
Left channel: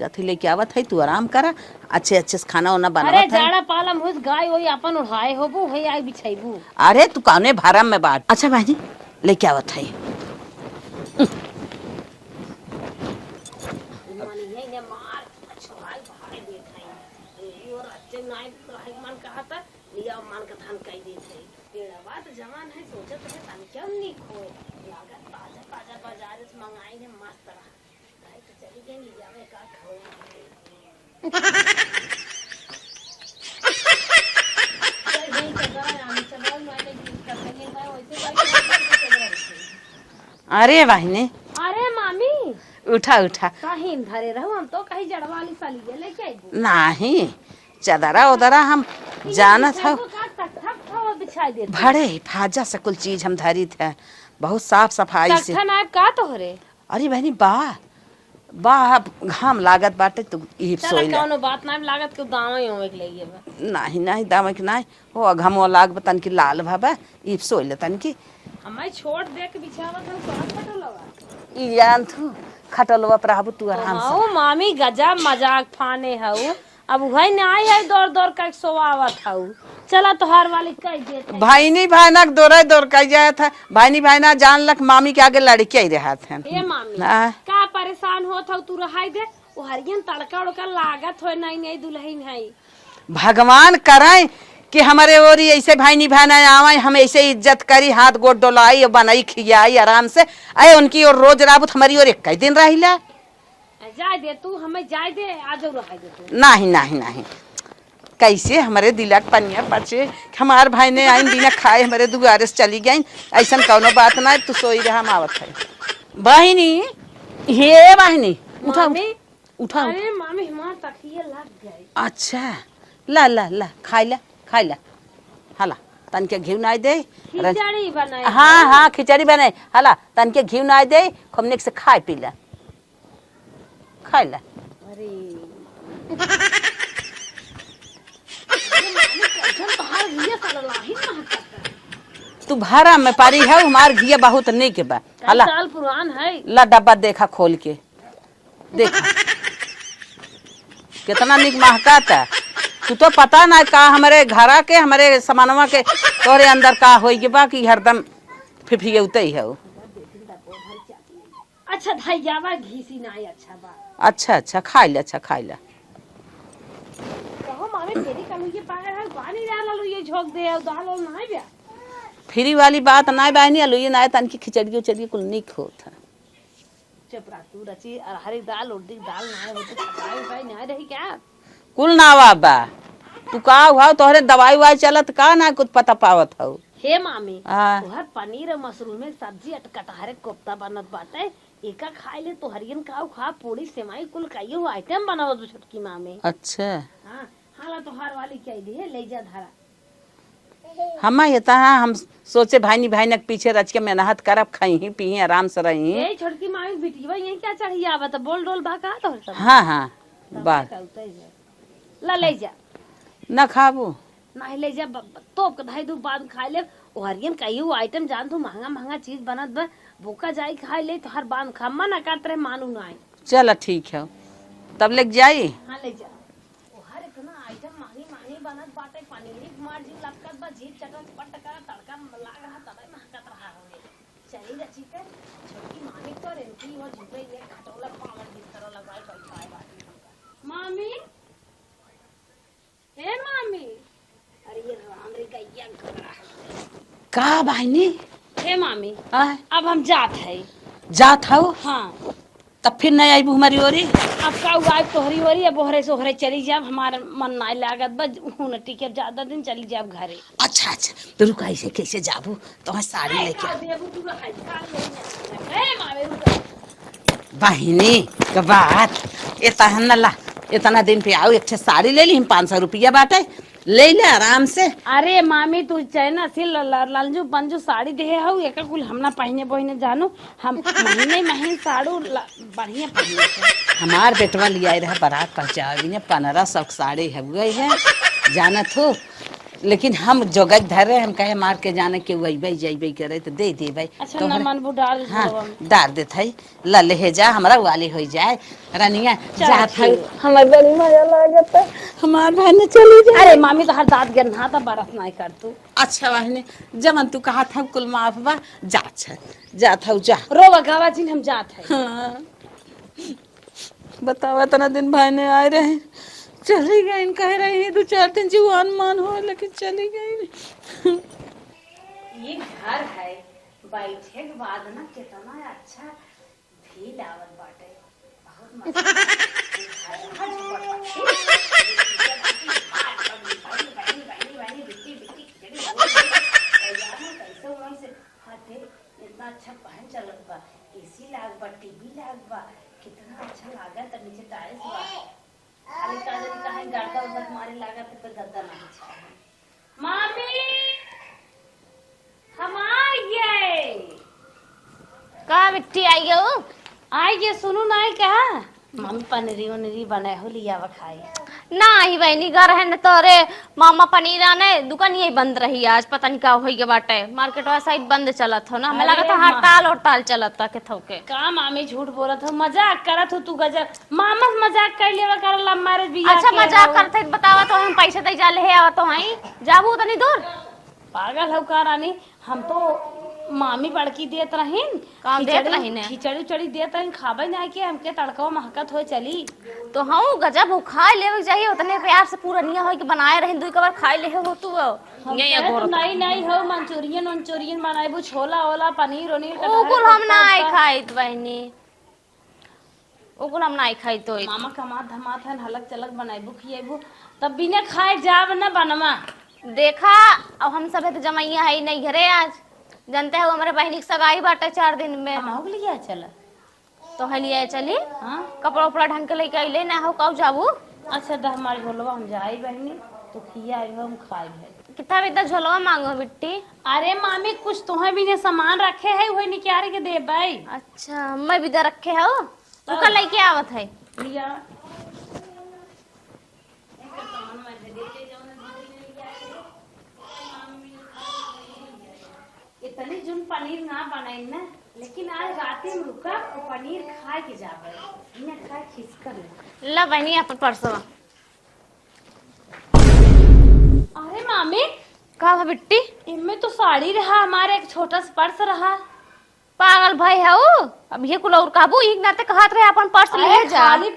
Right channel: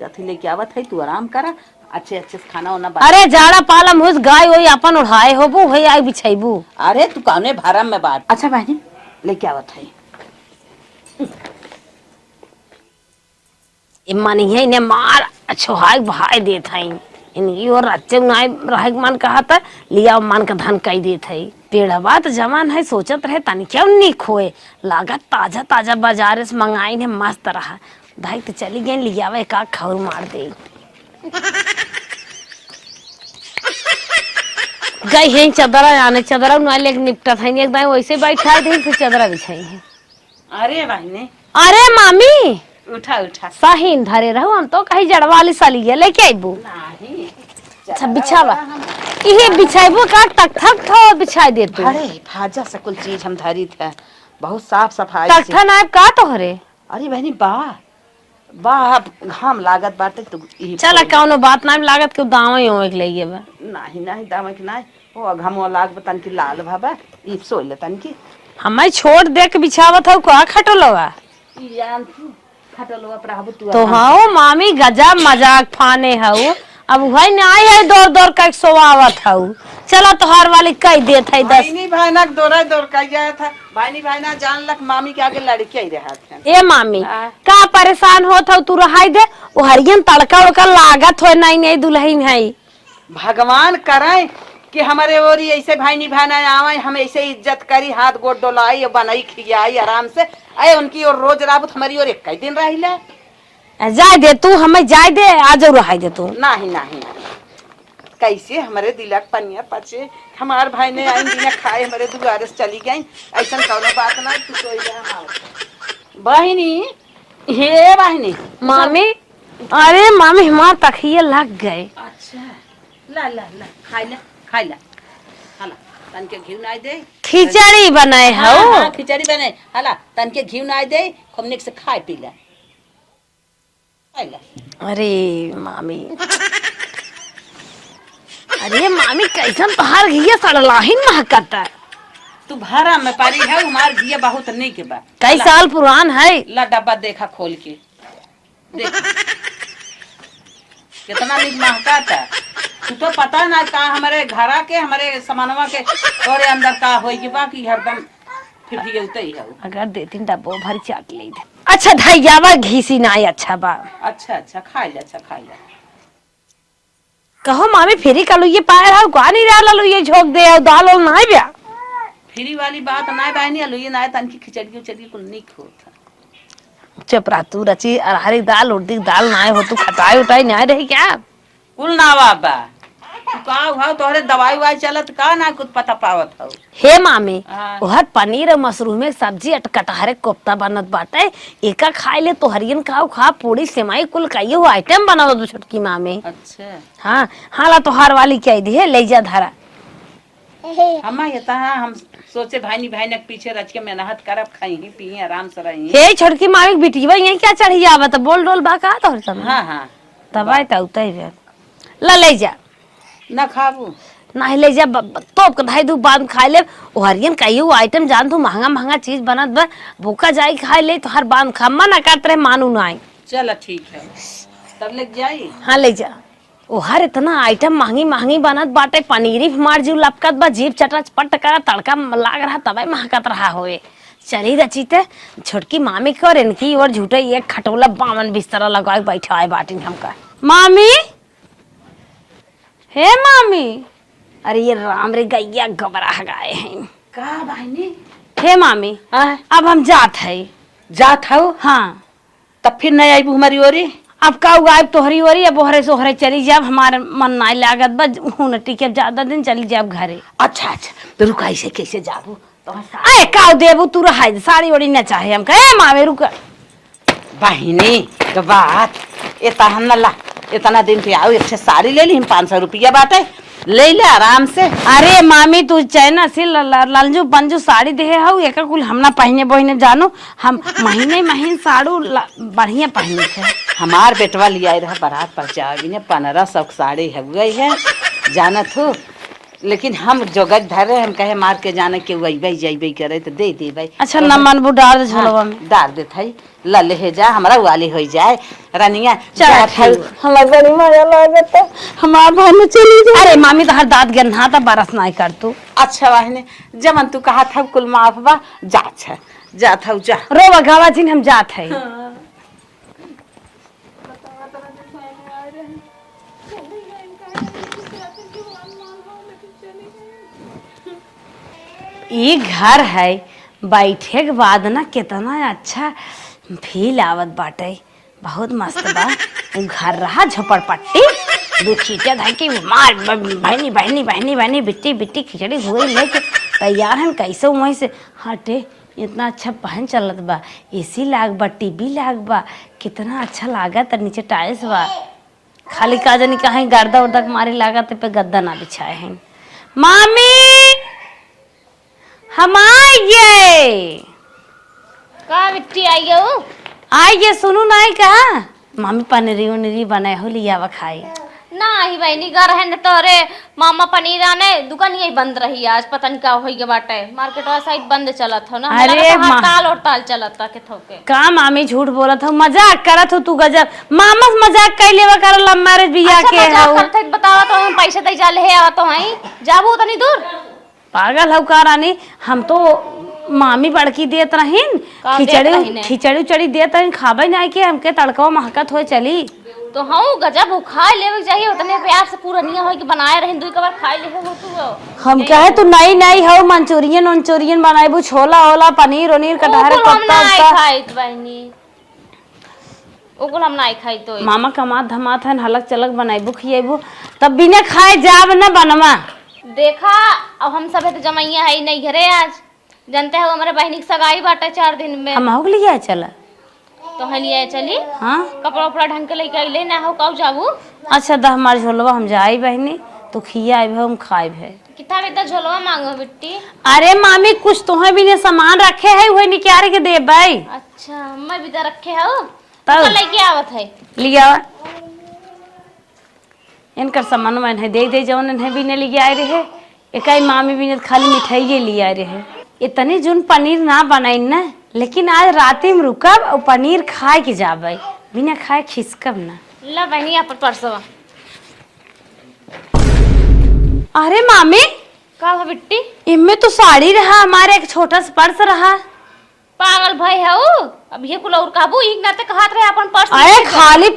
जाती लेके आवत है तू आराम करा अच्छे अच्छे से खाना वाना बना। अरे जाड़ा पालम होस गाय वही अपन उड़ाए होबू वही आई बिछाईबू। अरे तू कौने भरम में बात। अच्छा बहनी लेके आवत है इमानी है ने मार छोहाई भाई देत है इनकी और अच्छे नाय रहे मन कहा था लिया मन का धन कई देत है। पेड़वा तो जवान है, सोचत रहे तनी क्यों नहीं खोए, लागत ताजा ताजा बाजार से मंगाई ने मस्त रहा। भाई तो चली गई लियावे का खौर मार दे। गई है चदरा आने, चदरा न लेके निपटा था एकदम वैसे बैठा दे फिर चदरा बिछाई है। अरे बहनी अरे मामी उठा उठा। सही धरे रहो, हम तो कहीं जड़वाली साली है लेके आइबू। नहीं चदरा बिछावा। उदरा हम इहे जानत बिछाइबो का तक थक थो बिछाई देते। बड़े फाजा से कुल चीज हम धरी थे, बहुत साफ सफाई से। तख्ता नायब का तोहरे। अरे बहनी वाह वाह, हम लागत बाटे तू ई चला कौनो बात ना लागत के दावा ही होए के लिए बा। नहीं नहीं दामक नहीं हो घमो लाग बतन की लाल भाबा ई सोइल तन की हमें छोड़ दे के बिछावत हो का खटलवा। ई जान तू खटलवा प्रभु तू तो हाउ मामी गजब मजाक फाने हऊ, अब वही नहीं है दौड़ दौड़ कर सोवावत हऊ। चला तोहार वाली कह देत है। भाईनी भाईना दौड़ कर जाए था, भाईनी भाईना जान लक मामी के आगे लड़के ही रहा थे। ए मामी हाँ। का परेशान होत हऊ, तू रहाई दे वो हरियन तड़का उड़का लागत हो नहीं नहीं दुल्हन है। भगवान करे कि हमारे और ऐसे भाईनी भाईना आवे, हम ऐसे इज्जत करी, हाथ गोड़ डोलाई और बनाई खियाई आराम से। अरे उनकी और रोज राबुत हमारी और एक दिन रहिला। जाए दे तू, हमें जाए दे आज रहाई दे तू। नहीं नहीं नहीं कैसे हमारे दिलक पनिया बचे, हमार भाई ने आई बिना खाए हमारे दुआरे से चली गई, ऐसा कौनो बात ना। तू सोई रहा हम आवत है बहिनी। ये बहिनी मामी अरे मामी हमार तखिए लग गए। अच्छा ला ला ला खाई ला हला तन के घी नाई दे, खिचड़ी बनाए हाँ हो। हाँ खिचड़ी बने हला तन के घी नाई दे, खुमने से खाए पी ला खाई ला। अरे मामी अरे मामी कैसन तोहार घिया सड़लाहिन महकता। तू भरा में पारी है, हमार घी बहुत निक बा। कई साल पुरान है। ला डब्बा देखा खोल के देखा कितना निक महका था। तू तो पता ना का हमारे घरा के हमारे सामानवा के तोरे अंदर का होई के बा कि हरदम फिर उतई है। अगर देतीन डब्बो भर चाट ले। अच्छा धैयावा घीसी ना अच्छा बा। अच्छा खाई ले, अच्छा खाई ले। कहो मामी फेरी कलू ये पायर है का नहीं रहा लू ये झोक दे और दाल और ना ब्या। फ्री वाली बात ना बानी अलू ये ना तन की खिचड़ी उचड़ी कुल निक होता। चुप रह तू रची अरहरी दाल उड़दी दाल ना हो, तू खटाई उठाई ना रही क्या। कुल ना बाबा तू का हुआ तोहरे दवाई वाई चलत का ना कुछ पता पावत हो। हे मामी हाँ। ओहर पनीर और मशरूम में सब्जी अटकटहरे कोफ्ता बनत बाटे, एका खाए ले तो हरियन खाओ खा पूरी सेमाई कुल कईयो आइटम बनावत दो छोटकी मामी। अच्छा हाँ हाला तोहार वाली कह दी है ले जा धरा। हम ये हम सोचे भाईनी भाईना के पीछे रच के मेहनत करब, खाई ही पी आराम से रही। हे छोटकी मामी बिटिया यही क्या चढ़ी आवत बोल डोल बा का तोहर सब। हाँ दवाई तो उतई ला ले जा ना खाबू नहीं ले जा तो धाई दू बाद खा ले। ओ हरियन कईयो आइटम जान तू महंगा महंगा चीज बनत बा, भूखा जाई खाए ले तो हर बांध खम्मा ना काट रहे मानू ना आई। चल ठीक है तब लेके जाई। हाँ ले जा। ओ हर इतना आइटम महंगी महंगी बनत बाटे, पनीरी हमार जीव लपकत बा, जीव चटपट करा तड़का लाग रहा तबे महकत रहा होए। चली रचीते छोटकी मामी के और इनकी और झूठे एक खटोला बामन बिस्तरा लगा बैठा है बाटिन हमका। मामी हे मामी अरे ये राम रे गैया गबरा गाए हैं का बहनी। हे मामी अब हम जात है। जात हो हाँ तब फिर नहीं आई हमारी ओरी। अब का गायब तोहरी ओरी अब ओहरे सोहरे चली जाब, हमारे मन ना लागत बा हुन टिके ज्यादा दिन चली जाब घरे। अच्छा तो रुका ऐसे कैसे जाबू तो अरे का देबू तू रहा साड़ी ओड़ी ना चाहे हम कहे मावे रुका। बहनी तो बात इतना दिन पे आओ, एक साड़ी ले ली हम 500 रुपया बाटे ले ले आराम से। अरे मामी तू चैना से ललजू पंजू साड़ी दे हऊ एक कुल हमना पहने बहने जानो, हम महीने साड़ू बढ़िया पहने थे। हमार बेटवा लिया रहा बारात पर जावी ने 1500 साड़ी है गई है जानत हो, लेकिन हम जोगत धर रहे हम कहे मार के जाने के वही जाइबे करे तो दे दे भाई। अच्छा न मन बुडार झलवा में डाल दे थई ल ले जा हमरा वाली हो जाए रानिया। हमार बड़ी मजा लागत है हमार भाई में चली जा। अरे मामी तो हर दांत गन्हा था बरस नहीं कर तू। अच्छा वाहने जमन तू कहा था कुल माफ बा जा जा था जा रो बगावा जिन हम जात है। बताओ इतना दिन भाई ने आए रहे चली गई कह रही है 2-4 दिन जीवान मान हो लेकिन चली गई। ये घर है, बैठे के बाद ना कितना अच्छा फील आवत बाटे, बहुत मस्त बा। उ घर रहा झोपड़पट्टी, दो खींचा धर के मार बहनी बहनी बहनी बहनी बिट्टी बिट्टी खिचड़ी हुई लेके तैयार हैं। कैसे वहीं से हटे, इतना अच्छा पहन चलत बा, एसी लाग बा, टीवी लाग बा, कितना अच्छा लागत। नीचे टाइल्स बा, खाली का जानी कहीं गर्दा उर्दा के मारे लागत पे गद्दा ना बिछाए हैं। मामी हम आइए, का बिट्टी आई हो? आइए, सुनू नहीं कहा मामी पनीरी उनीरी बनाए हो, लिया वा खाई। ना आई बहनी घर है न तोरे मामा पनीर आने दुकान यही बंद रही आज, पता नहीं का हो गया बाटे, मार्केट वाला साइड बंद चलत हो ना। अरे हड़ताल हड़ताल चलत था के थोके का मामी झूठ बोलत हो, मजाक करत हो तू गजब। मामा से मजाक कर लेवा कर लव मैरिज बिया अच्छा के मजाक हो। करते बतावा तो हम पैसे दे जा ले आवत हो हई जाबू तनी दूर। पागल हो का रानी, हम तो मामी बड़की देत रहीन, का देत रहीन? खिचड़ी खिचड़ी उचड़ी देत रहीन, खाबे नहीं के हमके तड़का महकत हो चली। तो हम गजब वो खाए लेवे चाहिए, उतने प्यार से पूरा निया हो कि बनाए रहे दुई कबार खाए ले हो तू। हम कहे तू नई नई हो, मंचूरियन उंचूरियन बनाएबू, छोला ओला पनीर उनीर कटहर ओकुल हम पत्ता नहीं उत्ता। खाई बहनी, ओकुल हम नहीं खाई तो मामा कमात धमात है, हलक चलक बनाएबू खिएबू, तब बिना खाए जाब न बनवा। देखा अब हम सब तो जमैया है नहीं घरे आज, जानते हो हमारे बहनी की सगाई बाटा 4 दिन में, हम हो लिया चला। तो हम लिए चली हाँ कपड़ा उपड़ा ढंग के लेके अइले ना हो कब जाबू। अच्छा दा हमारे झोलवा हम जाई बहनी, तो खिया आइब हम खाइब है। कितना इतना झोलवा मांगो बिट्टी? अरे मामी कुछ तुम्हें भी ने सामान रखे है वही निकाल के दे भाई। अच्छा मैं भी तो रखे हो तब? तो लेके आवत है। लिया इनकर सामान मन है दे दे जौन इन्हें भी ने लिया आए रहे, एकाई मामी भी ने खाली मिठाई लिए आए रहे। इतनी जोन पनीर ना बनाई ना, लेकिन आज राती में रुकब और पनीर खाए के जाबे, बिना खाए खिसकब ना। ला बहनी यहाँ पर परसों। अरे मामी का बिट्टी? इनमें तो साड़ी रहा, हमारे एक छोटा सा पर्स रहा। पागल भाई है वो, अब ये कुल और काबू एक नाते कहत रहे अपन पर्स अरे लेके जा। खाली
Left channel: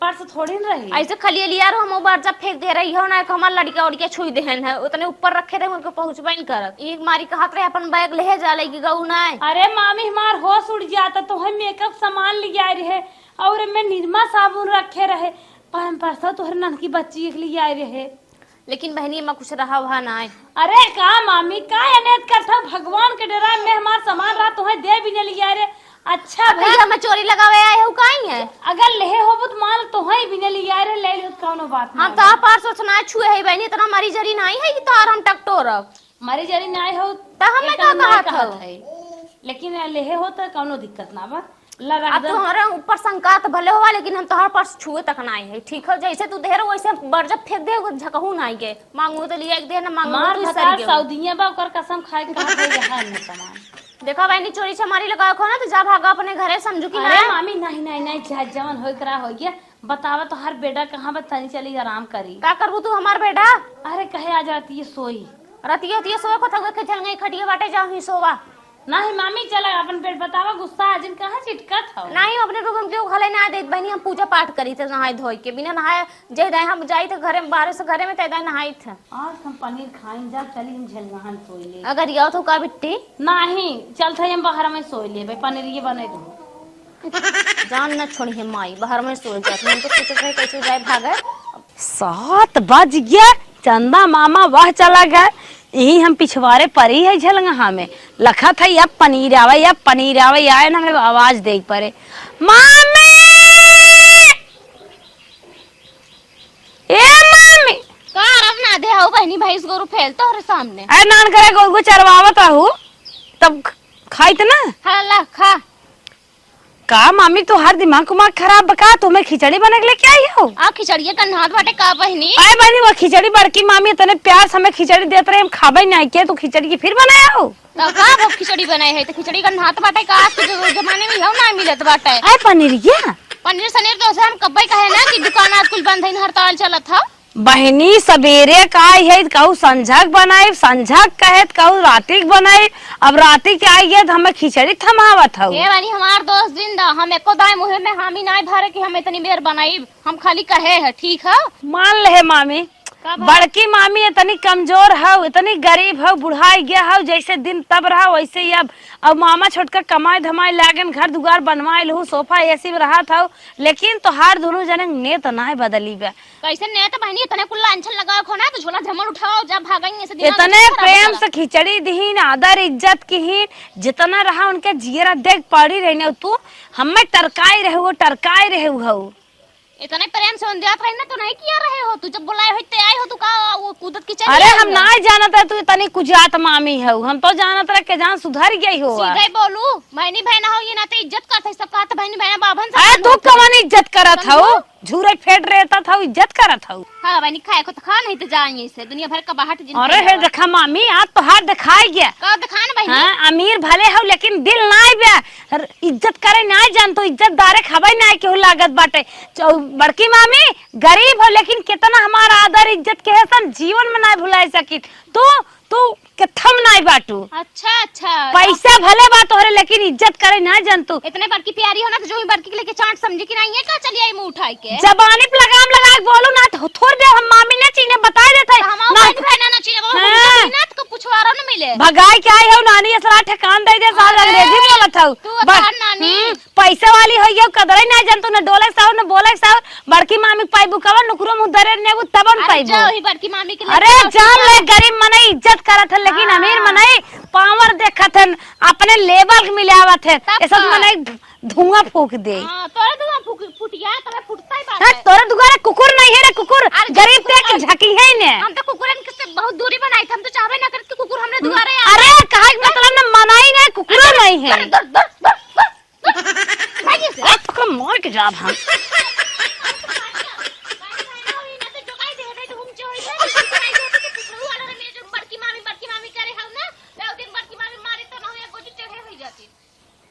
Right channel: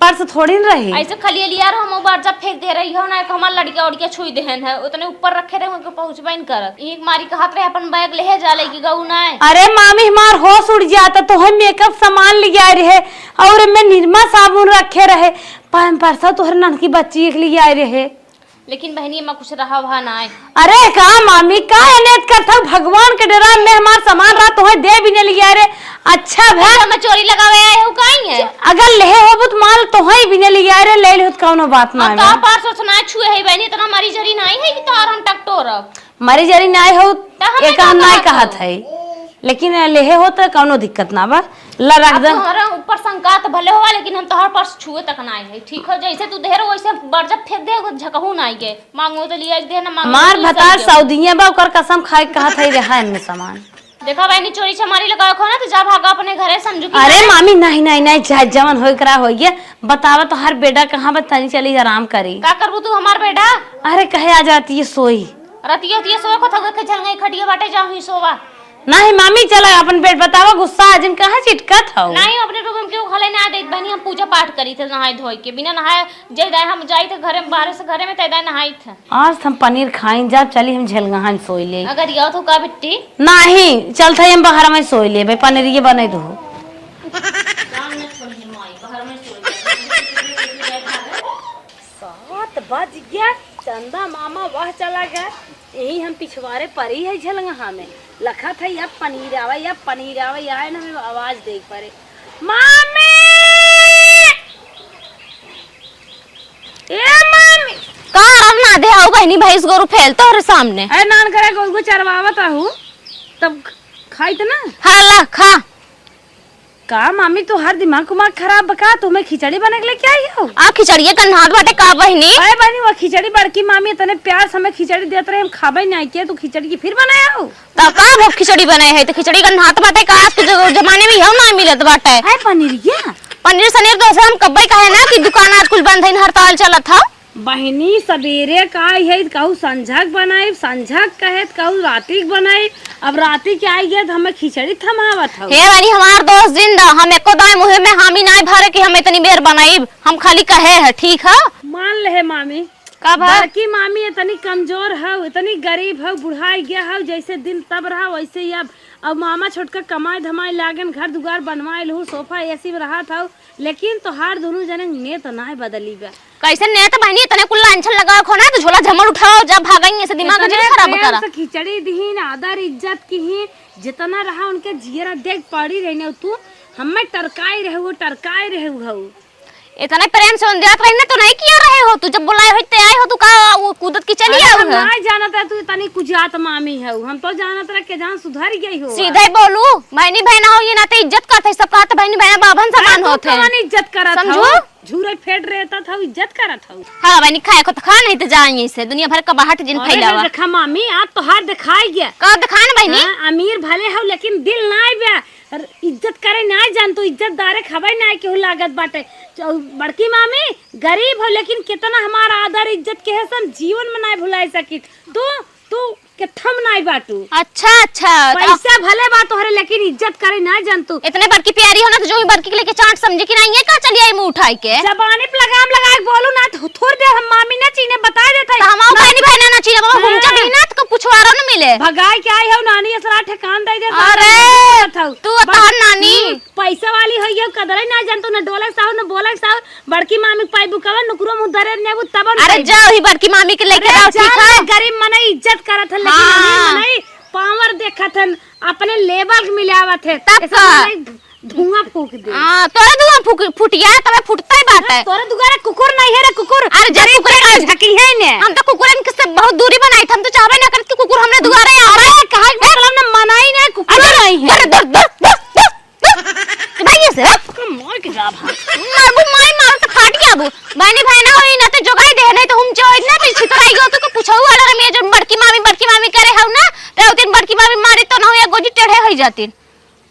पर्स थोड़ी न रही। ऐसे खाली लिया रहो हम बार जब फेंक दे रही हो ना, हमार लड़का उड़के छुई देहन है, उतने ऊपर रखे रहे उनको पहुंचबा नहीं करत। एक मारी कहत रहे अपन बैग ले जा लेके गऊ ना। अरे मामी हमार होश उड़ जाता, तो हम मेकअप सामान ले आए रहे और मैं निरमा साबुन रखे रहे, परसा तोहर ननकी बच्ची के लिए आए रहे। लेकिन बहनी में कुछ रहा वहाँ ना आए। अरे का मामी का एनेत करता भगवान के डरा में हमार सामान रहा तो दे भी नहीं लिया रे। अच्छा भाई हमें चोरी लगावे आए हो काई है? अगर लेहे हो बुत माल तो भी नहीं लिया रे, ले ले कौनो बात ना हम है। का पार सोचना छुए है बहनी, इतना मारी जरी नहीं है कि तार हम टकटोर। मरी जरी ना हो हमें एक का ना कहत कहत है, लेकिन लेहे हो तो कौनो दिक्कत ना बा, ला रख दे। तुम्हारा ऊपर शंका तो भले हुआ, लेकिन हम तोहर पर्स छुए तक ना आए है। ठीक है जैसे तू देर वैसे बरजब फेंक दे झकहू ना आए के, मांगो तो लिया दे ना मांगो मार तो ले भतार सही है। सऊदिया बा ओकर कसम खाए कहत है रहा इनमें सामान। देखा बहनी चोरी चमारी लगा रखो ना तो जा भागा अपने घरे समझू कि अरे मामी नहीं नहीं नहीं चाहे जवन हो करा हो गया, बतावा तो हर बेटा कहाँ बतानी चली आराम करी। का करबू तू हमार बेटा? अरे कहे आ जाती है सोई रतिया उतिया सोए को थक के चल गई खटिया बाटे जाऊं ही सोवा। नहीं मामी चला अपन पेट बतावा, गुस्सा आज कहाँ चिटकत हो। नहीं अपने रूम में क्यों खाले ना देत बहनी, हम पूजा पाठ करी थे नहाए धोए के, बिना नहाए जय हम जाई थे घरे बाहर से घरे में तैदा नहाई थे। आज हम पनीर खाई जा, चली हम झलगहान सोई ले। अगर यो तो का बिट्टी नहीं चल था हम बाहर में सोई ले भाई, पनीर ये बने दो। जान न छोड़ी है माई बाहर में सो जाते हैं, तो सोचे थे कैसे जाए भागे। 7 बज गया, चंदा मामा वह चला गया, यही हम पिछवाड़े परी है झलगहा में लखा था या पनीर आवे या पनीर आवे, आए ना हमें आवाज देख पड़े मामी ए मामी का अब ना दे आओ बहनी भैंस गोरु फैलता और सामने है नान करे गो चरवावत रहू तब खाई त ना। हला खा का मामी तो हर दिमाग कुमाग खराब बका, तुम्हें खिचड़ी बने के लिए क्या आई हो? आ खिचड़िया कन्हात बाटे का बहनी? अरे बहनी वो खिचड़ी बड़की मामी इतने प्यार से हमें खिचड़ी देते रहे, हम खाबे नहीं किया तो खिचड़ी की फिर बनाया हो। ता का वो खिचड़ी बनाए है तो खिचड़ी कन्हात बाटे का आज के जमाने में हम ना मिलत बाटे। है पनीर क्या? पनीर सनीर तो ऐसे हम कब्बे कहे ना कि दुकान आज कुल बंद है, हड़ताल चलत था। बहनी सवेरे का है कहू संझक बनाए, संझक कहे कहू रातिक बनाए, अब राती के आई है तो हमें खिचड़ी थमावत हो। हे वाली हमार दोस्त जिंदा हम एको दाए मुहे में हामी नाय भरे कि हम इतनी बेर बनाई, हम खाली कहे है ठीक है। मान ले मामी का बड़की मामी इतनी कमजोर है, इतनी गरीब है, बुढ़ाई गया है, जैसे दिन तब रहा वैसे ही अब मामा छोटका कमाई धमाई लागन घर दुआर बनवाइल हूँ, सोफा एसी में रहा था, लेकिन तो हर दोनों जने नेत ना बदली बा। कैसे ने तो बहनी इतने कुल लांछन लगा खो ना तो झोला झमर उठाओ जब भागेंगे से दिमाग इतने खराब प्रेम करा। से खिचड़ी दीन आदर इज्जत की जितना रहा उनके जियरा देख पड़ी रहने तू हमें टरकाई रहे हो टरकाई रहे हो। इतने प्रेम से देख रही ना तो नहीं किया रहे हो तू, जब बुलाए होते आए हो तू का वो कूदत की चली अरे आई हम हो। नहीं जानत है तू इतनी कुजात मामी है, हम तो जानत रहे के जहाँ सुधर गई हो। सीधे बोलू बहनी बहना हो ये ना तो इज्जत करते सब कहा तो बहनी बहना बाभन से अरे बंद तू होते कौन इज्जत करत हो, झूरे फेट रहता था इज्जत करत हो। हां बहनी खाए को तो खा नहीं तो जाएंगे से दुनिया भर का बाहट जिन अरे फैलावा रखा मामी आज तो हाथ दिखाई गया का दिखा ना बहनी। हाँ, अमीर भले हो लेकिन दिल नाई बे, इज्जत करे नाई जान तो इज्जत दारे खबाई नाई के हो लागत बाटे। बड़की मामी गरीब हो लेकिन कितना हमारा आदर इज्जत के है सब जीवन में नाई भुलाई सकी तू कथम नाई बाटू। अच्छा अच्छा पैसा भले बात हो रहे लेकिन इज्जत करे ना जान तू। इतने बड़की प्यारी हो ना तो जो भी बड़की के लेके चाट समझे कि नहीं है का चली आई मुंह उठाई के जबानी पे लगाम लगा के बोलो ना तो थोड़ दे हम मामी ने चीने बता देते तो हम बहनी बहना ना चाहिए बाबा घूम जा ना तो पुछवारा ना मिले भगाई के आई हो नानी असला ठेकान दे दे अरे तू बता नानी पैसा वाली हो गयो कदरे ना जान तू न डोले साव न बोले साव बड़की मामी पाई बुकावा नुकरो मुदरे ने तब अरे जा ही बड़की मामी के लेके अरे आओ ठीक है गरीब मने इज्जत करत है लेकिन अमीर मने पावर देखत है अपने लेवल मिलावत है ऐसा मने धुआं फूक दे। हां तोरे धुआं फुटिया तबे फुटता ही बात है। तोरे दुगारे कुकुर नहीं है रे कुकुर। अरे जरे कुकुर झकी है ने हम तो कुकुरन के से बहुत दूरी बनाई हम तो चाहबे ना करत कि कुकुर हमने दुआरे आ अरे कहां मतलब ना मनाई नहीं कुकुर नहीं है। अरे भाई से मोर के जाब हां अबू मार तो काट गया अबू बहनी बहना होई ना तो जोगाई दे नहीं तो हम जो इतना भी सिखाई गयो तो पूछो वाला रे जो बड़की मामी करे हौ ना तो दिन बड़की मामी मारी तो ना हो या गोजी टेढ़े हो जाती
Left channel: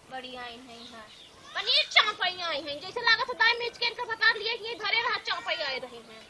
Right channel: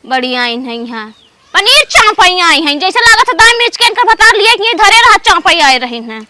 बड़ी आई नहीं हां पनीर चांपई आई हैं जैसे लागत है दाल मिर्च के इनका बता लिया कि ये धरे रहा चांपई आए रही हैं।